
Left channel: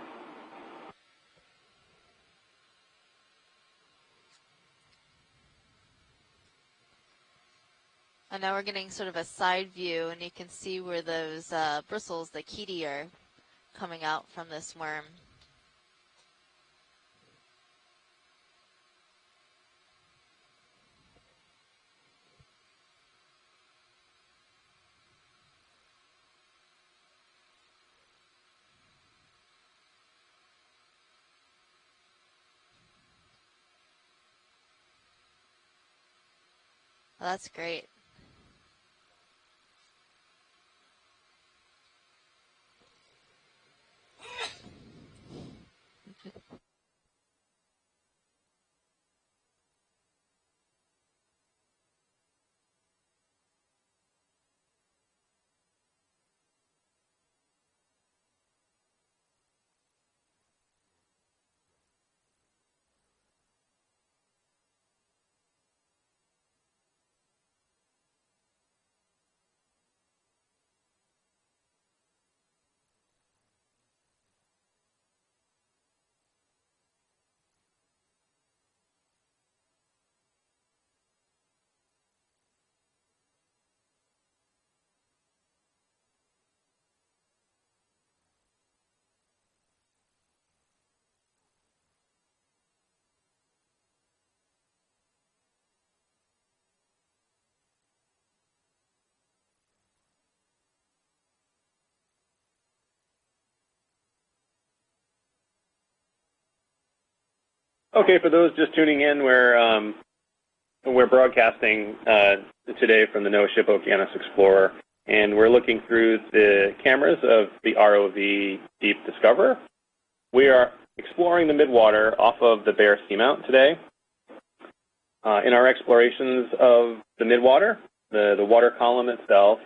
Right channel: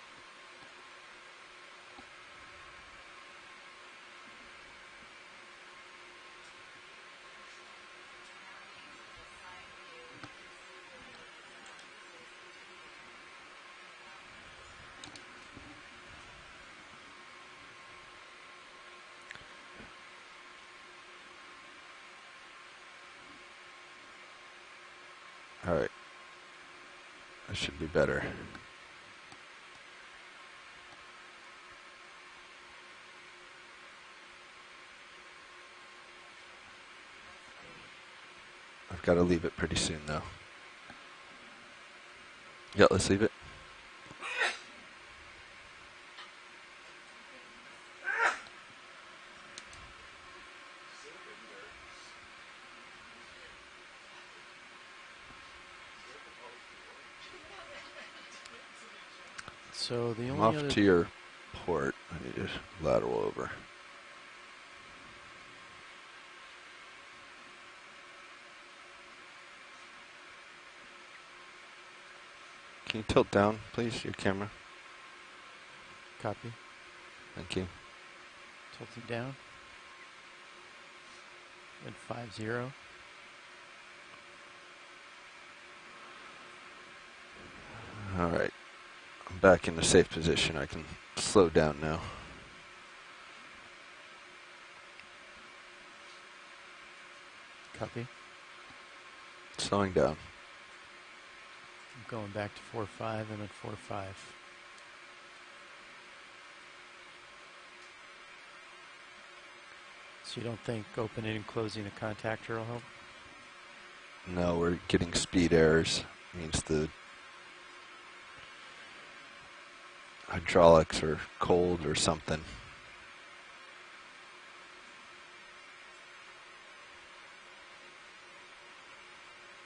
And now we're getting sort of a side view, and you can see where those bristles, the chaetae, are coming out from this worm. All right. That should be better. Well, that's great. I've got to leave it pretty soon, though. Yeah, let's leave it. So the I'm only off other to your port. I need to lateral over. Can you tilt down, please, your camera? copy, Thank you. tilted down, and 50. All right. I'm back in a safe position. I can slow down now. Copy. Slowing down. I'm going back to 4.5 and then 4.5. Okay, for those just tuning in, So you don't think we're broadcasting today from the NOAA ship Okeanos Explorer, and we're looking through the cameras of the ROV Deep Discoverer. We are exploring the Midwater off of the Bear Seamount today. In our explorations of the Midwater, the water column itself,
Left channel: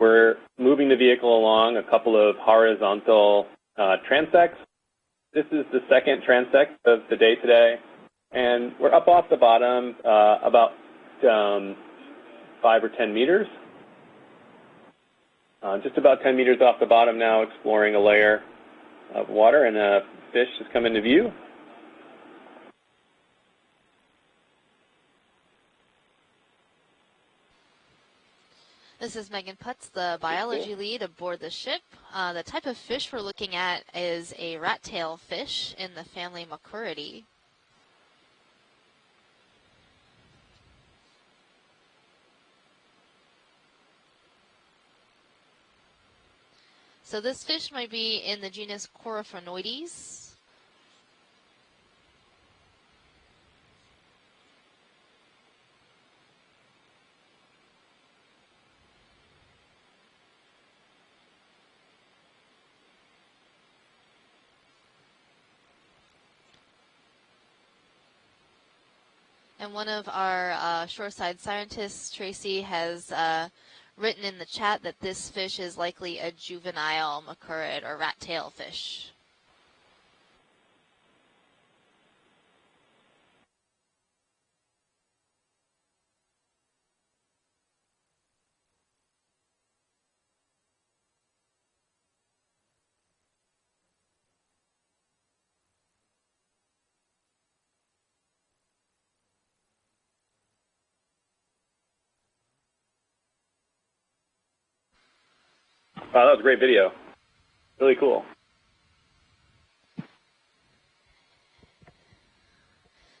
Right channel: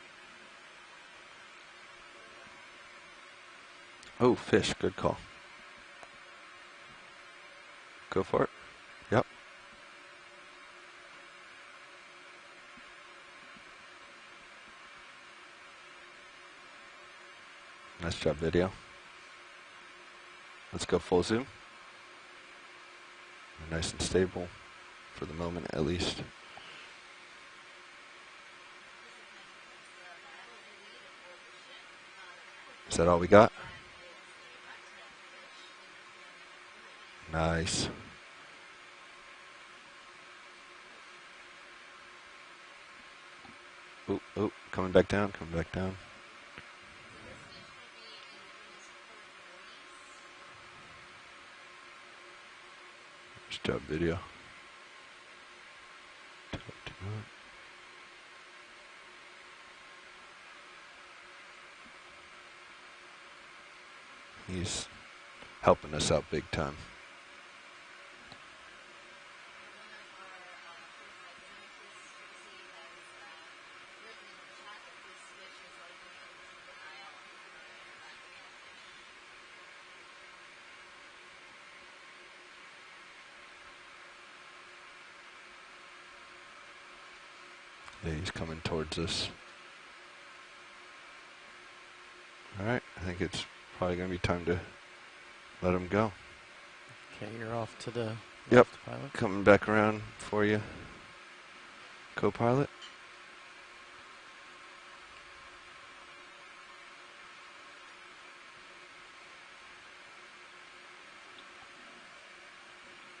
we're moving the vehicle along a couple of horizontal transects. Oh, fish, good call. This is the second transect of the day today. Go for it. And we're up off the bottom about 5 or 10 meters. Just about 10 meters off the bottom now, exploring a layer of water, and a fish has come into view. Zoom. Nice and stable for the moment, at least. This is Megan Putz, the biology lead aboard the ship. The type of fish we're looking at is a rat-tail fish in the family Macuridae. Nice. Oh, coming back down, coming back down. So this fish might be in the genus Coryphonoides. Stop video. He's helping us out big time. And one of our shoreside scientists, Tracy, has written in the chat that this fish is likely a juvenile macurid or rat-tail fish. Yeah, he's coming towards us. All right, I think it's probably going to be time to let him go. Okay, you're off to the left, pilot. Coming back around for you, co-pilot. Wow, that was a great video. Really cool.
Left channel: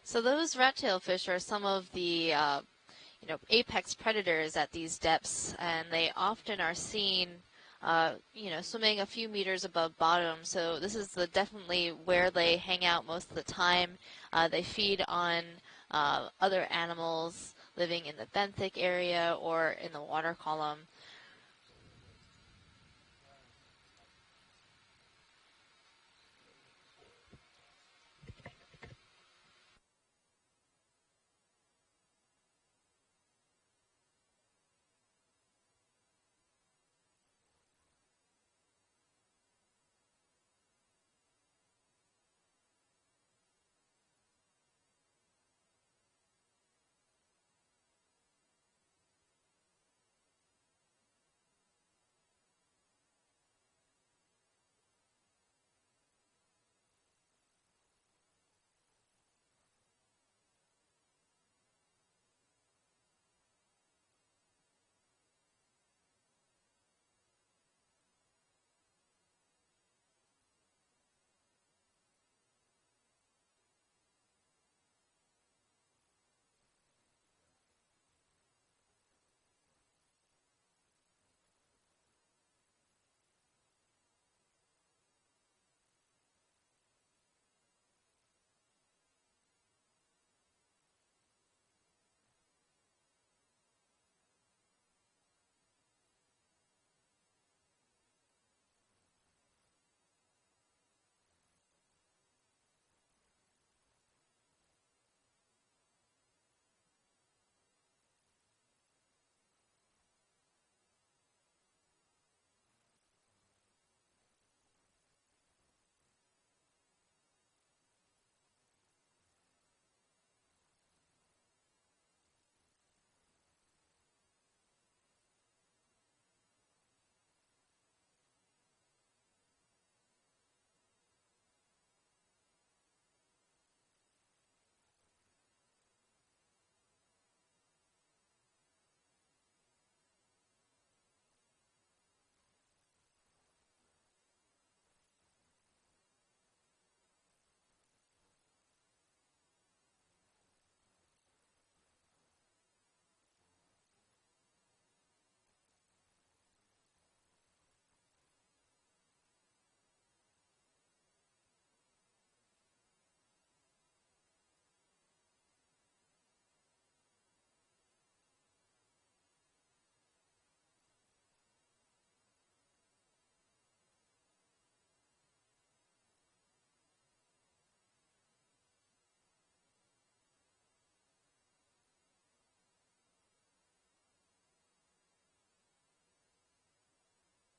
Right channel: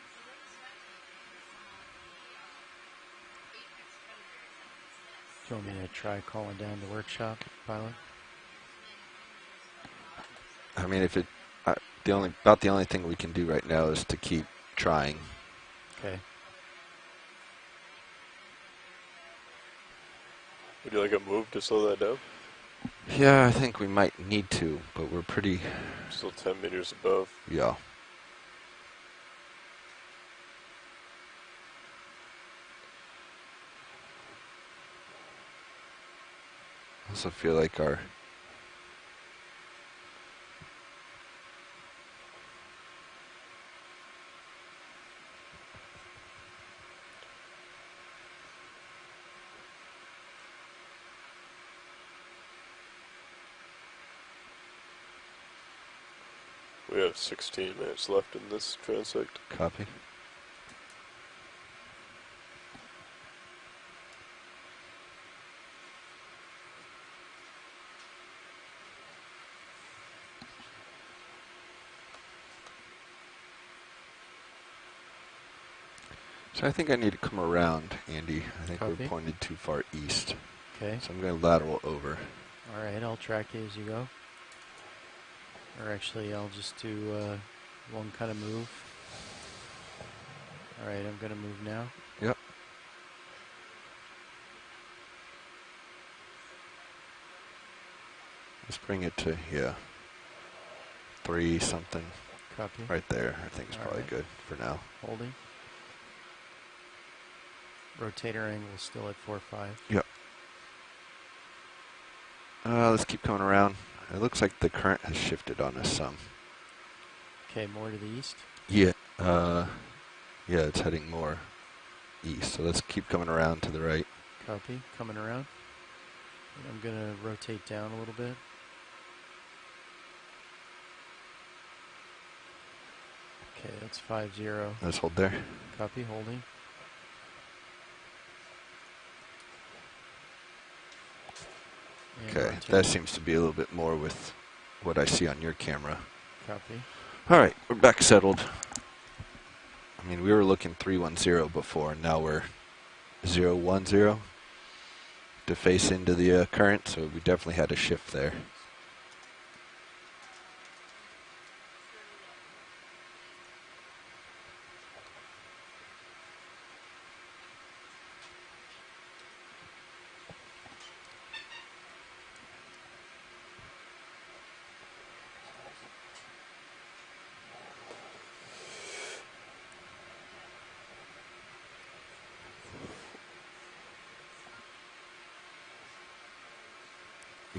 So those rat-tail fish are some of the apex predators at these depths, and they often are seen, swimming a few meters above bottom. So this is definitely where they hang out most of the time. The only thing we can do right now is to keep they feed trying. on other animals living in the benthic area or in the water column. Would you like a move to slow that down? Yeah, I think we might need to, but we're pretty... Still 10 meters above. Yeah. I also feel like our... We have 16 minutes left in this transect. Copy. So I think I need to come around, Andy. I think we're pointed too far east. Okay. So I'm going to lateral over. All right, I'll track you as you go. Or actually, I'll just do one kind of move. All right, I'm going to move now. Yep. Let's bring it to, 3 something. Copy. Right there, I think is probably good for now. Holding. Rotator angle still at 4.5. Yep. Let's keep coming around. It looks like the current has shifted on us some. Okay, more to the east? Yeah. Yeah, it's heading more east. So let's keep coming around to the right. Copy. Coming around. And I'm going to rotate down a little bit. Okay, that's 5-0. Let's hold there. Copy, holding. Okay, that seems to be a little bit more with what I see on your camera. Copy. All right, we're back settled. I mean, we were looking 310 before, and now we're 010 to face into the current, so we definitely had a shift there.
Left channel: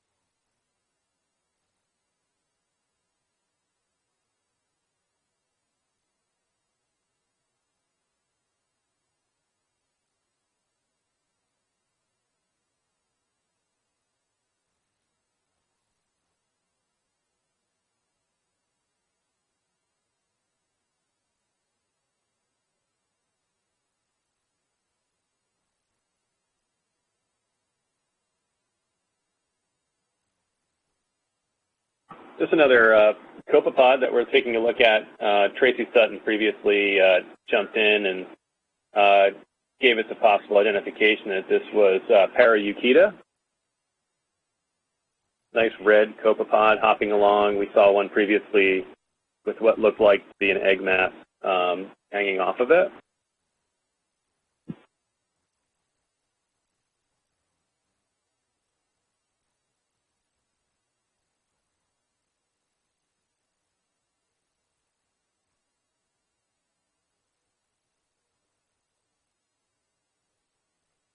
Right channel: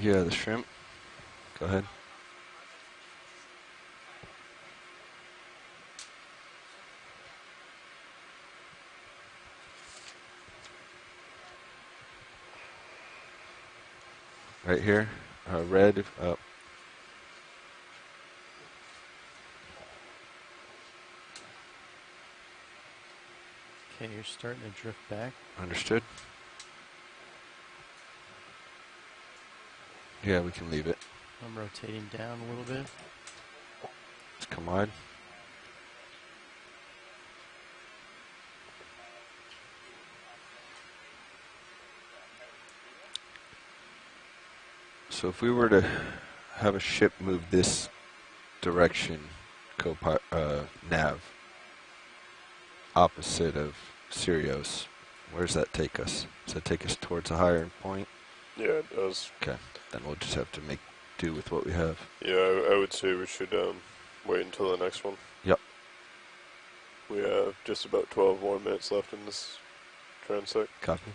Yeah, the shrimp. Go ahead. Right here, red. Okay, you're starting to drift back. Understood. Yeah, we can leave it. I'm rotating down. Just another copepod that we're taking a look at. Tracy Sutton previously jumped in and gave us a possible identification that this was Paraeukita. So if we were to red copepod hopping along, we saw one previously direction with what looked like to be an egg mat hanging off of it. Opposite of Sirius. Where does that take us? Does that take us towards a higher point? Yeah, it does. Okay, then we'll just have to make do with what we have. Yeah, I would say we should wait until the next one. Yep. We have just about 12 more minutes left in this transect. Copy.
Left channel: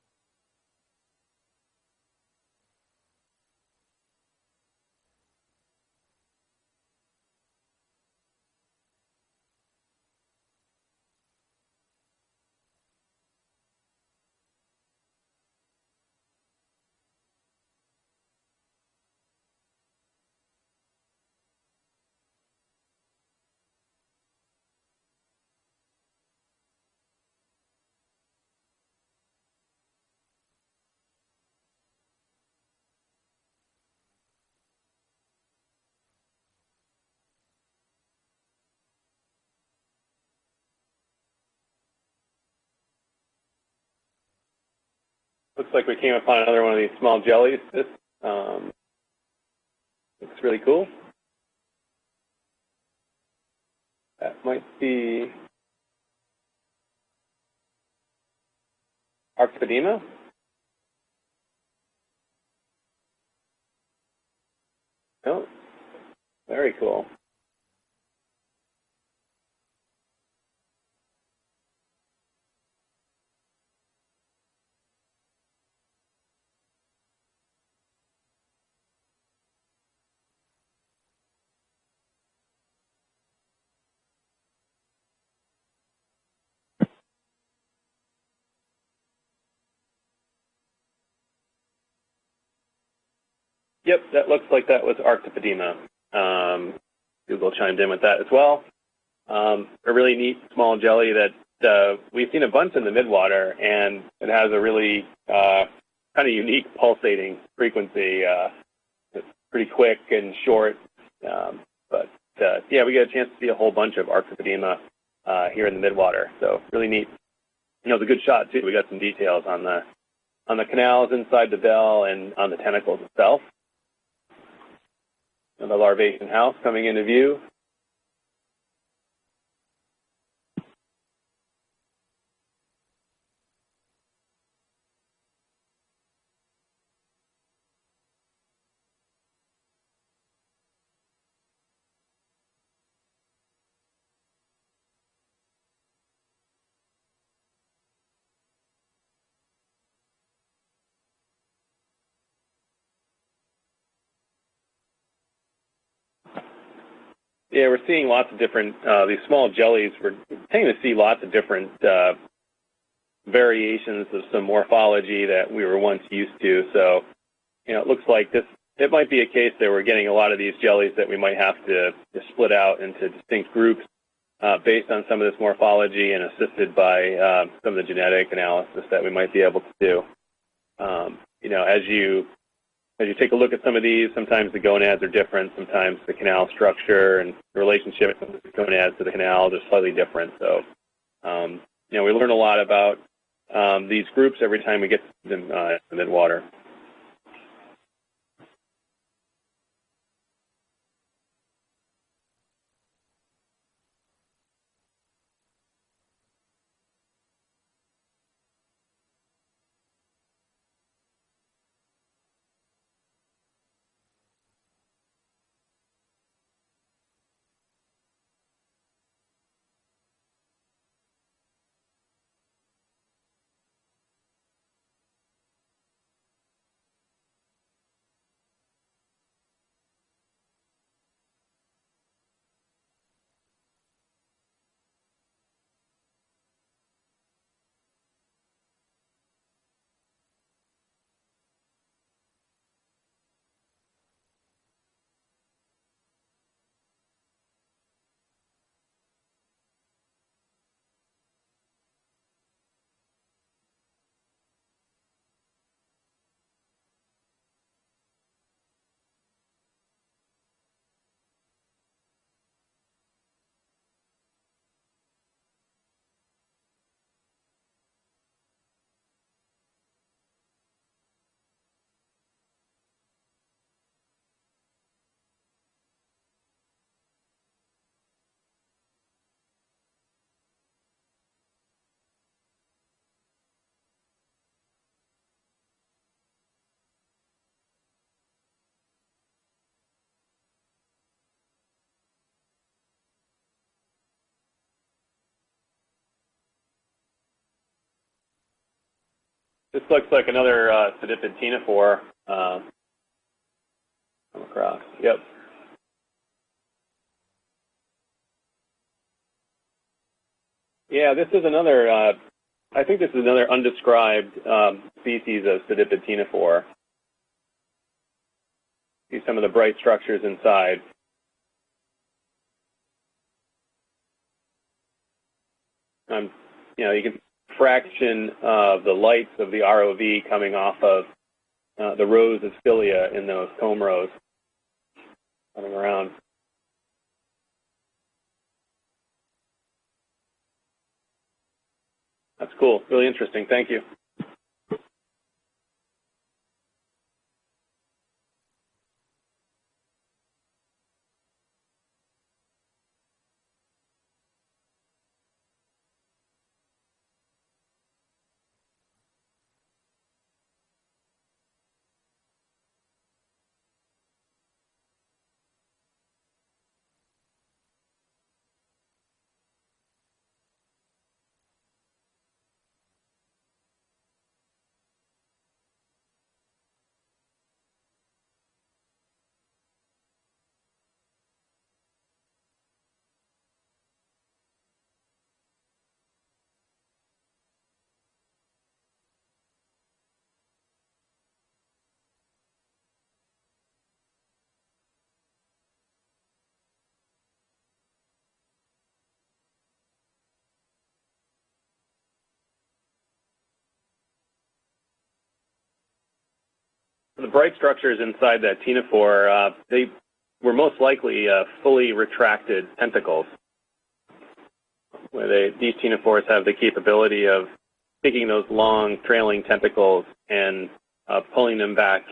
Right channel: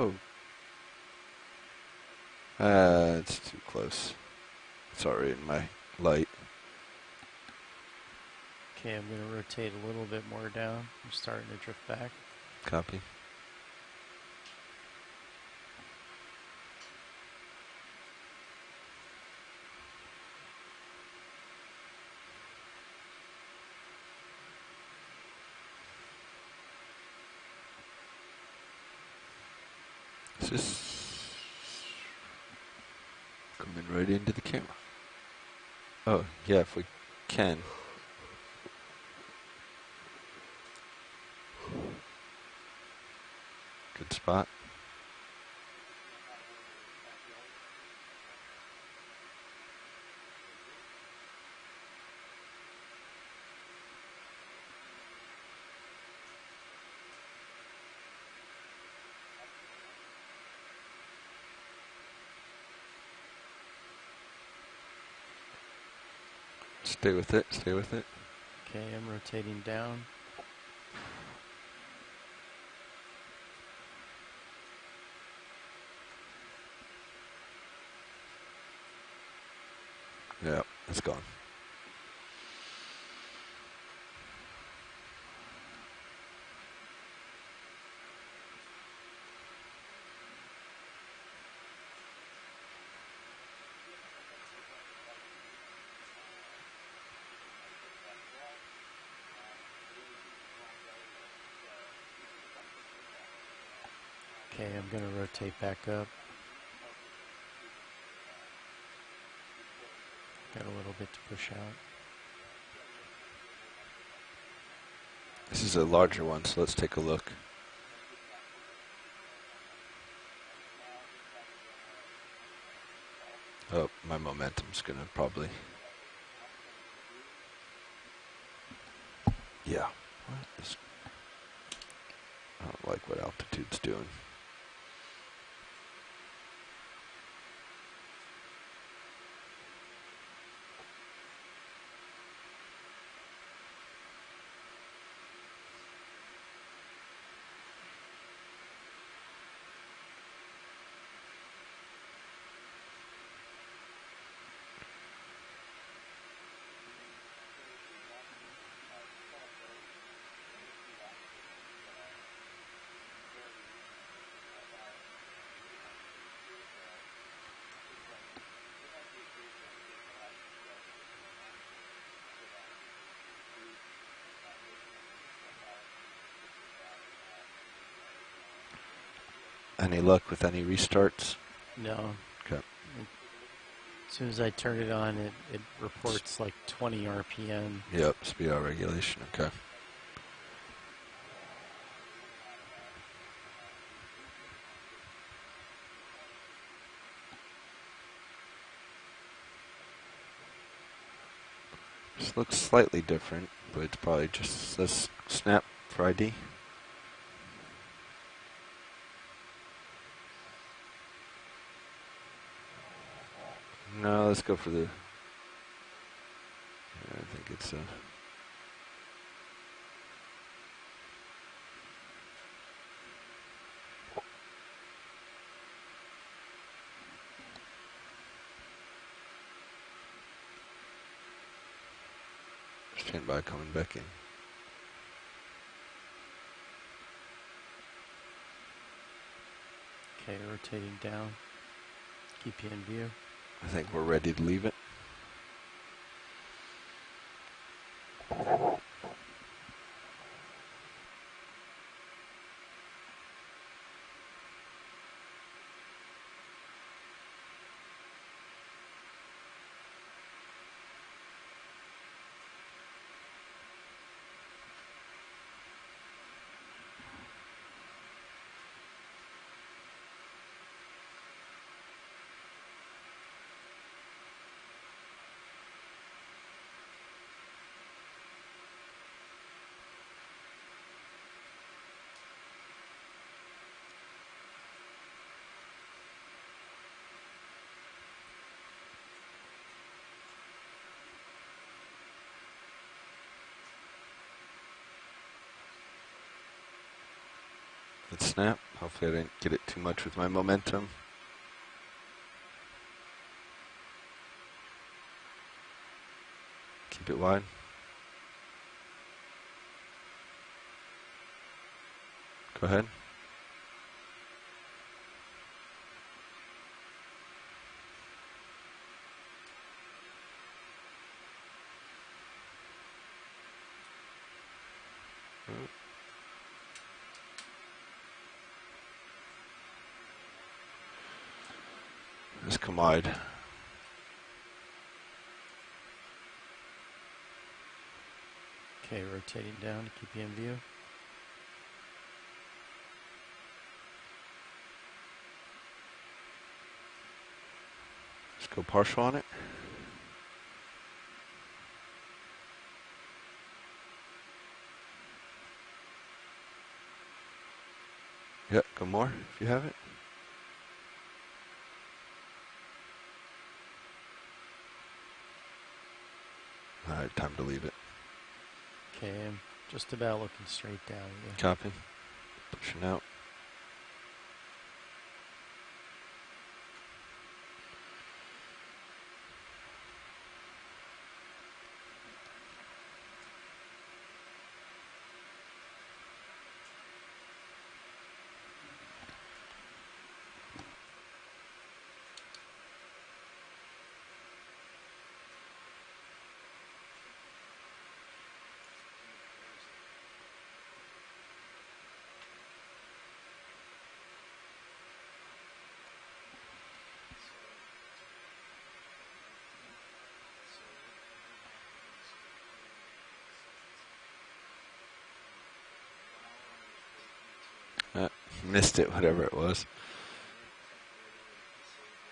Oh. It's too close. It's already in my light. Okay, I'm going to rotate a little bit more down. I'm starting to drift back. Copy. It's just coming right into the camera. Oh, yeah, if we can. Good spot. Looks like we came upon another one of these small jellies. This looks really cool. That might be Arctipedema. Oh, very cool. Stay with it, stay with it. Okay, I'm rotating down. Yeah, it's gone. Yep, that looks like that was Arctipedema. Google chimed in with that as well. A really neat small jelly that we've seen a bunch in the midwater, and it has a really kind of unique pulsating frequency. It's pretty quick and short. But yeah, we got a chance to see a whole bunch of Arctipedema here in the midwater. So really neat. Look. You know, it's a good shot too. We got some details on the canals inside the bell and on the tentacles itself. Oh, my momentum's gonna probably. And the larvation house coming into view. Yeah. I don't like what altitude's doing. Yeah, we're seeing lots of different, these small jellies, we're tending to see lots of different variations of some morphology that we were once used to. So, you know, it looks like it might be a case that we're getting a lot of these jellies that we might have to split out into distinct groups based on some of this morphology and assisted by some of the genetic analysis that we might be able to do. Any luck with any restarts? You know, as you take a look at some of these, sometimes the gonads are different, sometimes the canal structure and the relationship of the gonads to the canal is slightly different. So, you know, we learn a lot about these groups every time we get them in midwater. This looks slightly different, but it's probably just says snap for ID. No, let's go for the. I think it's stand by coming back in. Okay, rotating down. Keep you in view. I think we're ready to leave it. Let's snap. Hopefully I didn't get it too This much. looks like another sediped ctenophore come across. Yep. Keep it wide. Yeah, this is another. Go ahead. I think this is another undescribed species of sediped ctenophore. See some of the bright structures inside. You can fraction of the lights of the ROV coming off of the rows of cilia in those comb rows coming around. Okay, rotating down to keep you in view. That's cool. Really interesting. Thank you. Let's go partial on it. Yep, go more if you have it. All right, time to leave it. Okay, I'm just about looking straight down. Yeah. Copy. Pushing out. The bright structures inside that ctenophore, they were most likely fully retracted tentacles, where these ctenophores have the capability of taking those long trailing tentacles and pulling them back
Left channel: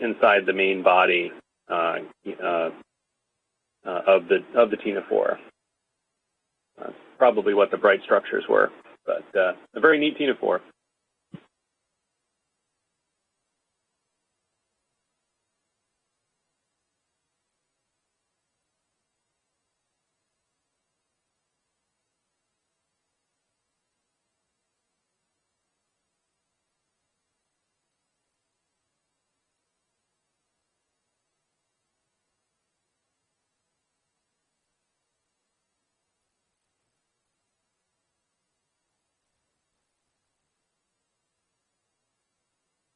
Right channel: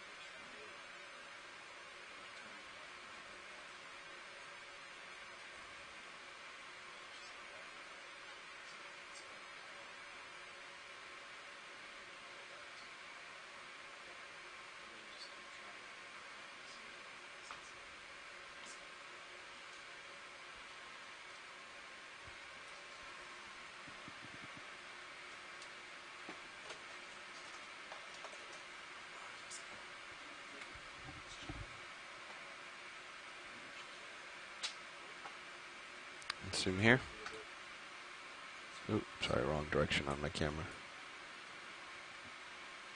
inside the main body of the ctenophore. That's probably what the bright structures were, but a very neat ctenophore. Zoom here. Oops, sorry, wrong direction on my camera.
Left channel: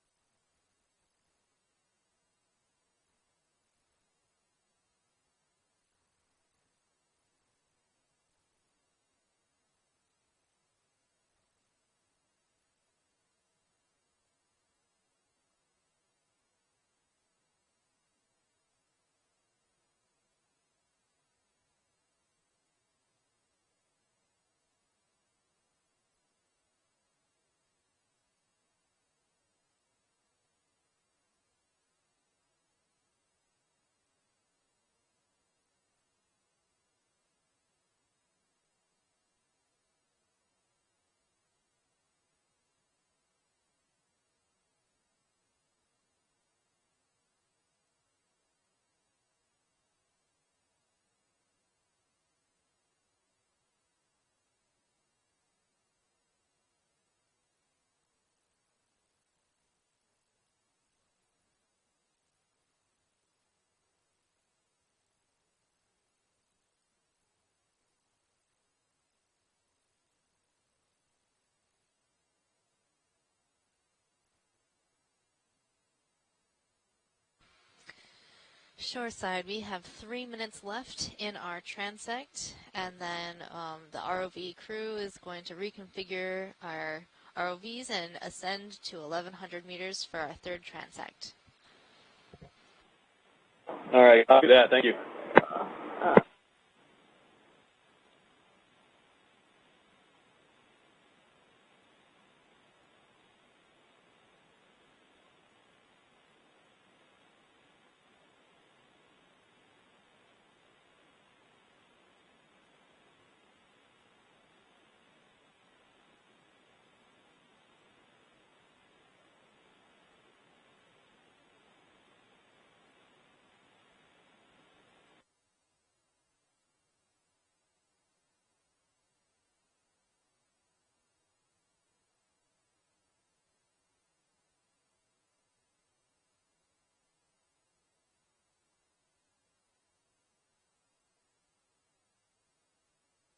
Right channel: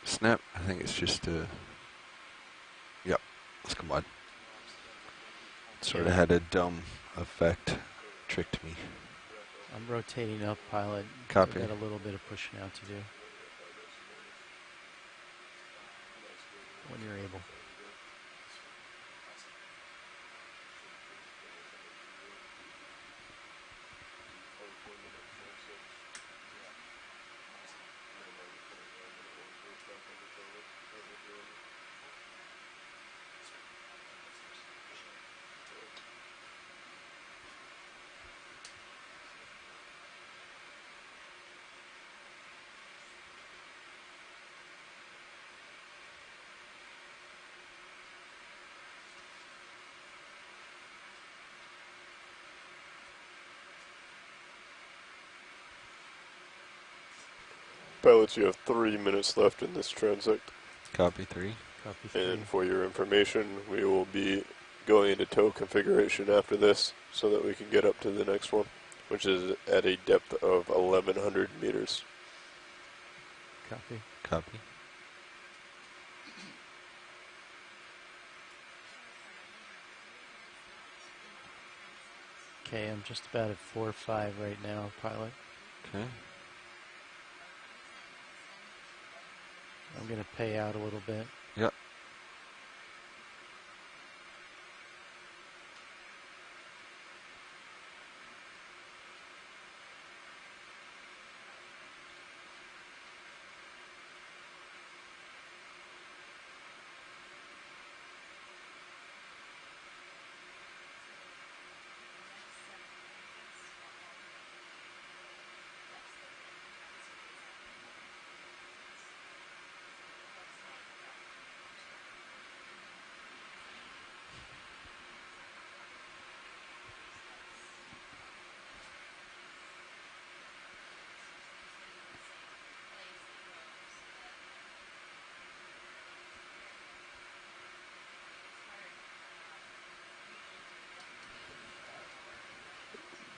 Snap, I think it's just yep, let's come on. Sort of had a dumb effect, tricked me. I'm rotating up, pilot. Copy. I've got a little bit of pushing out to do. When you're able. Pilots, you have 3 minutes left in this transect. Copy 3. Copy 3. And for your information, we will be going into tow configuration after this so that we can get up to the next one, which is at a depth of 1,100 meters. Copy. Copy. Shoreside, we have 3 minutes left in our transect, Okay, and I'm then just about at 4 or the 5 ROV right now, crew is pilot. going to reconfigure our ROVs and ascend to 1,100 meters I'm for going our to pay third out a transect. little bit. Yep. All right, copy that. Thank you.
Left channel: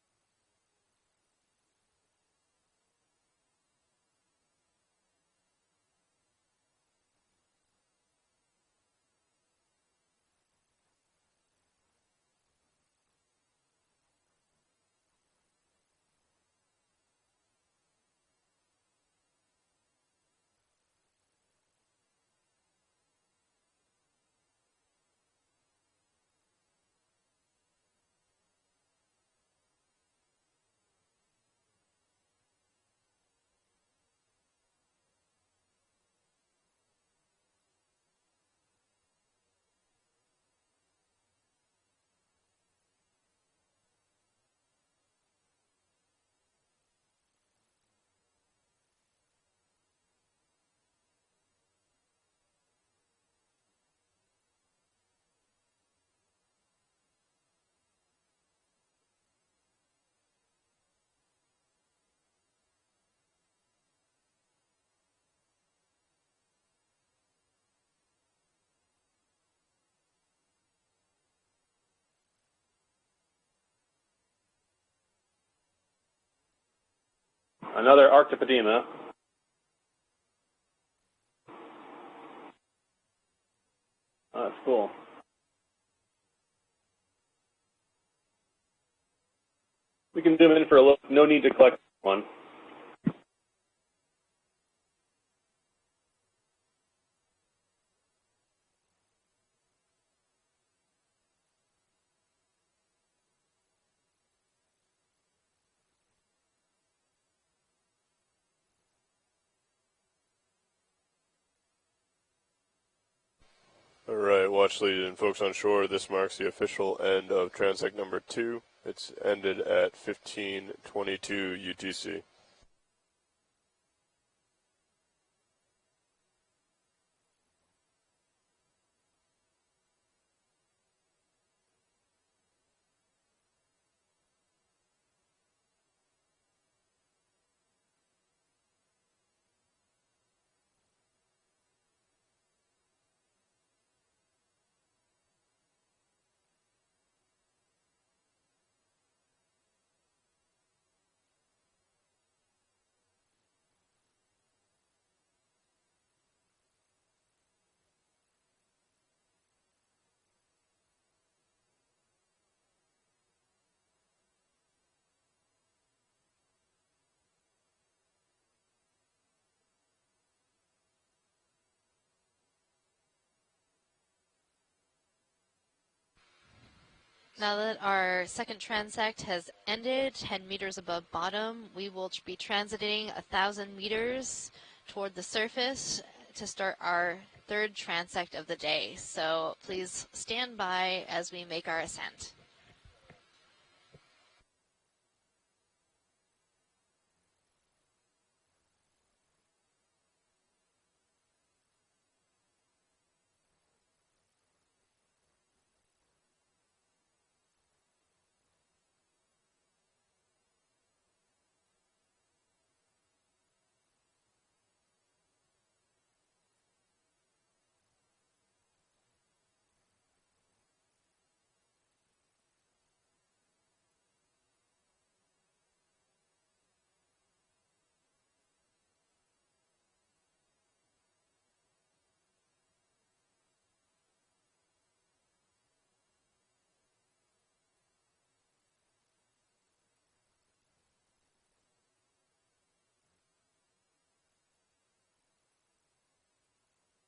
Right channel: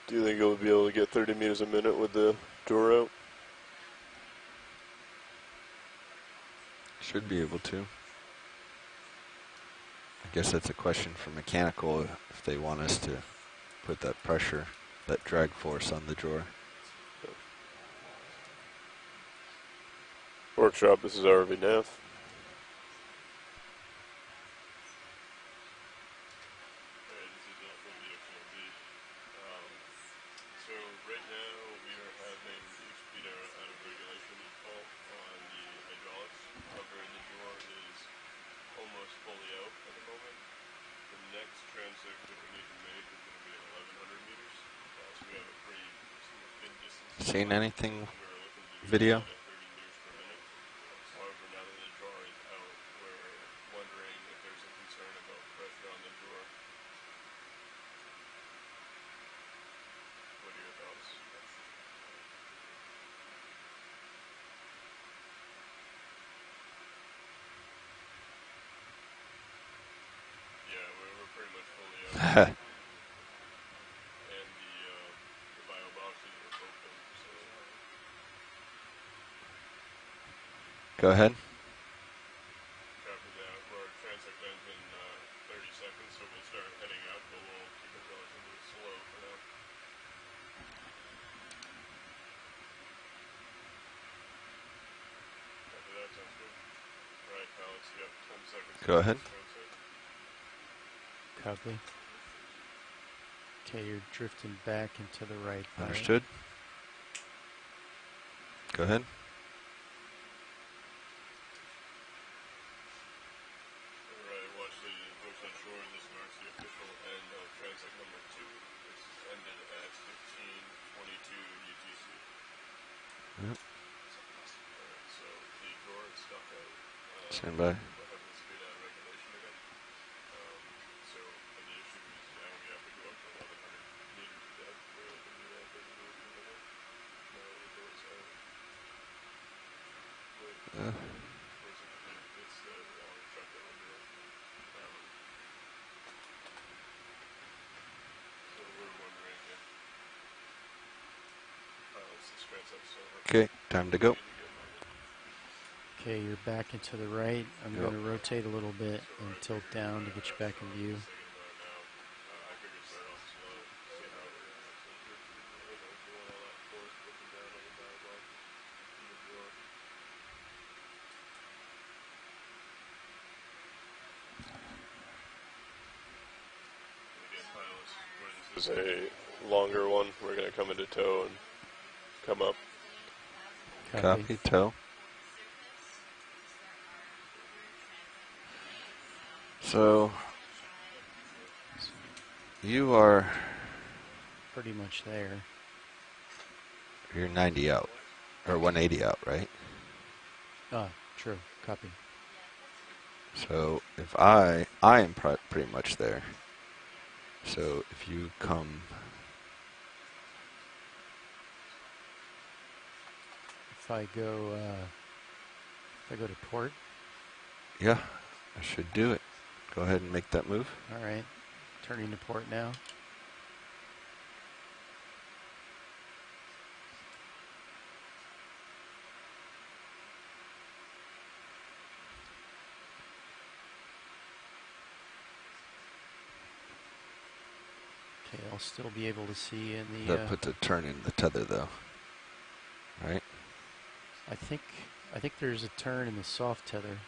Do you think you'll be able to get 30 meters a minute with the door out? Should be able to. I guess that's a question for mechanical if they want us to put that pressure, that drag force on the drawer. Workshop, this is ROV Nav. So right now we are having the speed out of regulation fault on the hydraulics. However, the drawer is almost fully out at the moment. The next transect that we need to make is going to be at 1,100 meters. So we have a pretty thin distance. Seen anything We're looking to do video? that at 30 meters per minute. However, now that the drawer is out, we're wondering if there's a concern about pressure on the drawer. What are your thoughts? Yeah, we're pretty much fully out. And the bio boxes were open, so Another Arctopedema. Go ahead. copy that. We're transecting Oh, that's cool. 30 seconds, so we'll start heading up, but we'll keep it relatively slow for now. We can zoom in for a look. No need to collect one. Copy that, sounds good. Alright, pilots, you have 10 seconds. Go ahead. Copy. Okay, you're drifting back and to the right. pilot. Understood. Go ahead. Alright, watch lead and folks on shore, this marks the official end of transect number 2. It's ended at 15:22 UTC. Yep. Alright, so the drawer is stuck out. Stand by. We're having the speed out of regulation again. So the issue is now we have to go up to 1,100 meters of depth. We're looking to do that 30 meters per minute. Now the door is out. Uh, It's the long truck that we're doing. So we're wondering if pilots this transect's over. okay, time to go. Okay, you're back and to the right. I'm Yep. going to rotate a little bit and tilt down to get you back in view. I figured start off slow, see how it reacts. So you're doing all that force, pushing down on the dial box in the drawer. Now that our second This is a transect has longer one. ended, We're 10 gonna come meters into above tow. bottom, we will be Come up. transiting 1,000 Copy, meters tow. toward the surface to start our third transect of the day. So please So- stand by as we make our ascent. You are, Pretty much there. you're 90 out, or 180 out, right? Ah, true. Copy. So if I am pretty much there. So if you come if I go to port? Yeah, I should do it. Go ahead and make that move. All right, turning to port now. Okay, I'll still be able to see in the. That puts a turn in the tether, though. Right? I think there's a turn in the soft tether.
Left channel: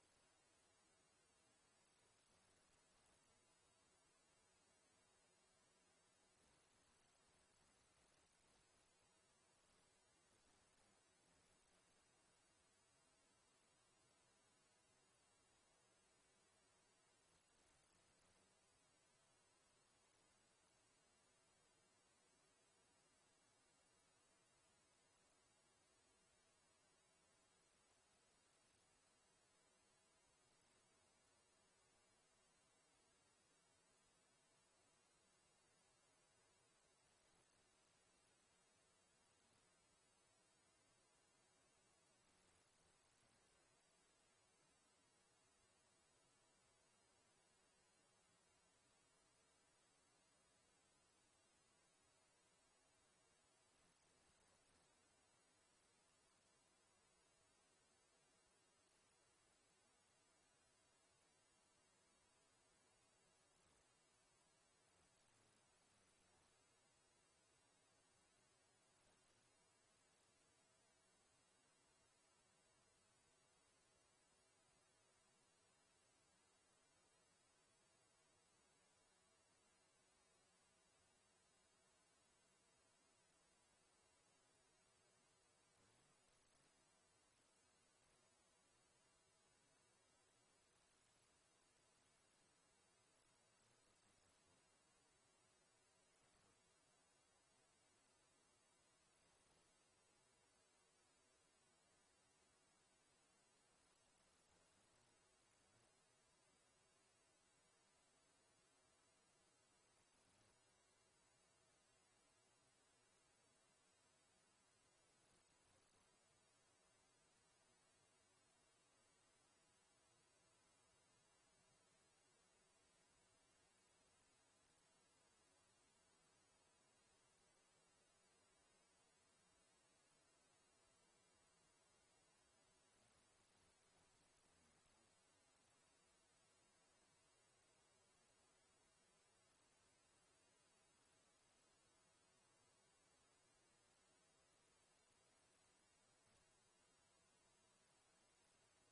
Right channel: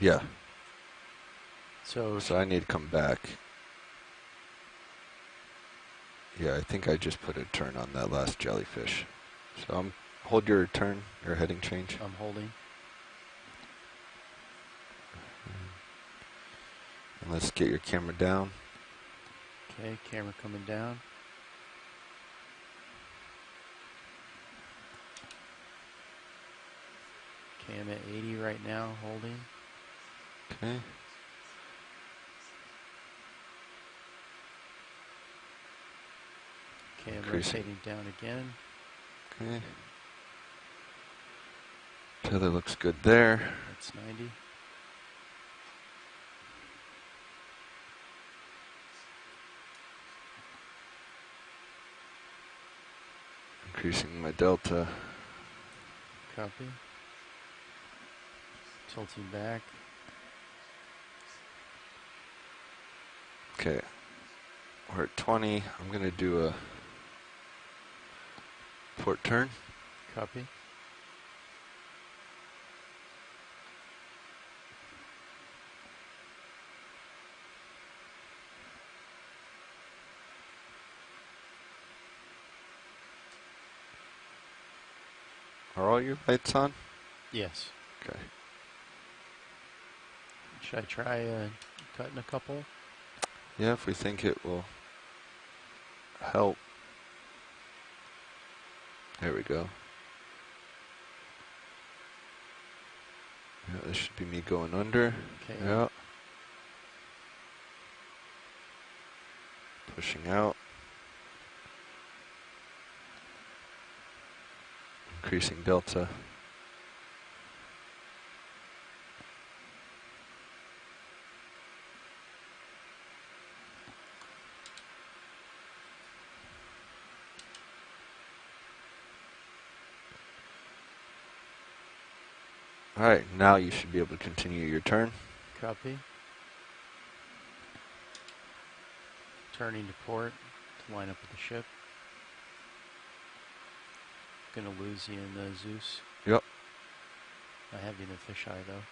Yeah. So I need to come back. Yeah, I think I just put a turn on that last jellyfish. So hold your turn, your heading change. I'm holding. And let's get your camera down. Okay, camera coming down. Okay, I'm at 80 right now, holding. Okay. Okay, I'm Increasing. rotating down again. Okay. Tether looks good there. That's 90. Increasing my delta. Copy. Tilting back. Okay. We're at 20. I'm going to do a port turn. Copy. Are all your lights on? Yes. Okay. Should I try cutting a couple? Yeah, if we think it will help. There we go. Yeah, this should be me going under. Okay. Yeah. Pushing out. Increasing delta. Alright, now you should be able to continue your turn. Copy. Turning to port to line up with the ship. Gonna lose you in the Zeus. Yep. I have you in the fisheye though.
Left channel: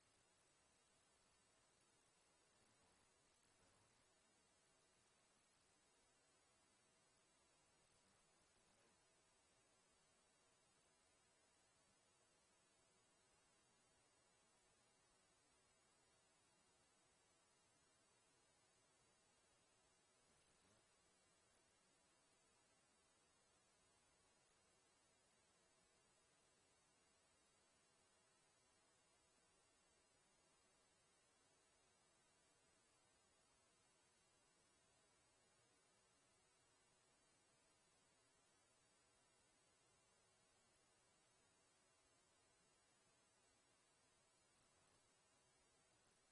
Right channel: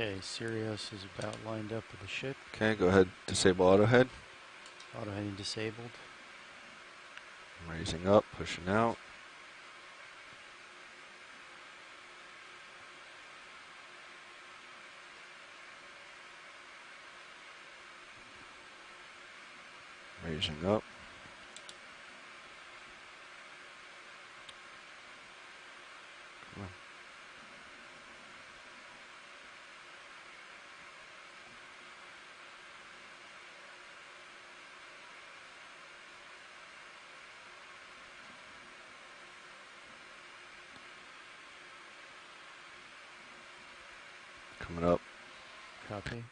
Okay, Sirius is about lined up with the ship. Okay, go ahead, disable auto head. Auto heading disabled. Raising up, pushing out. Raising up. Come on. Coming up. Copy.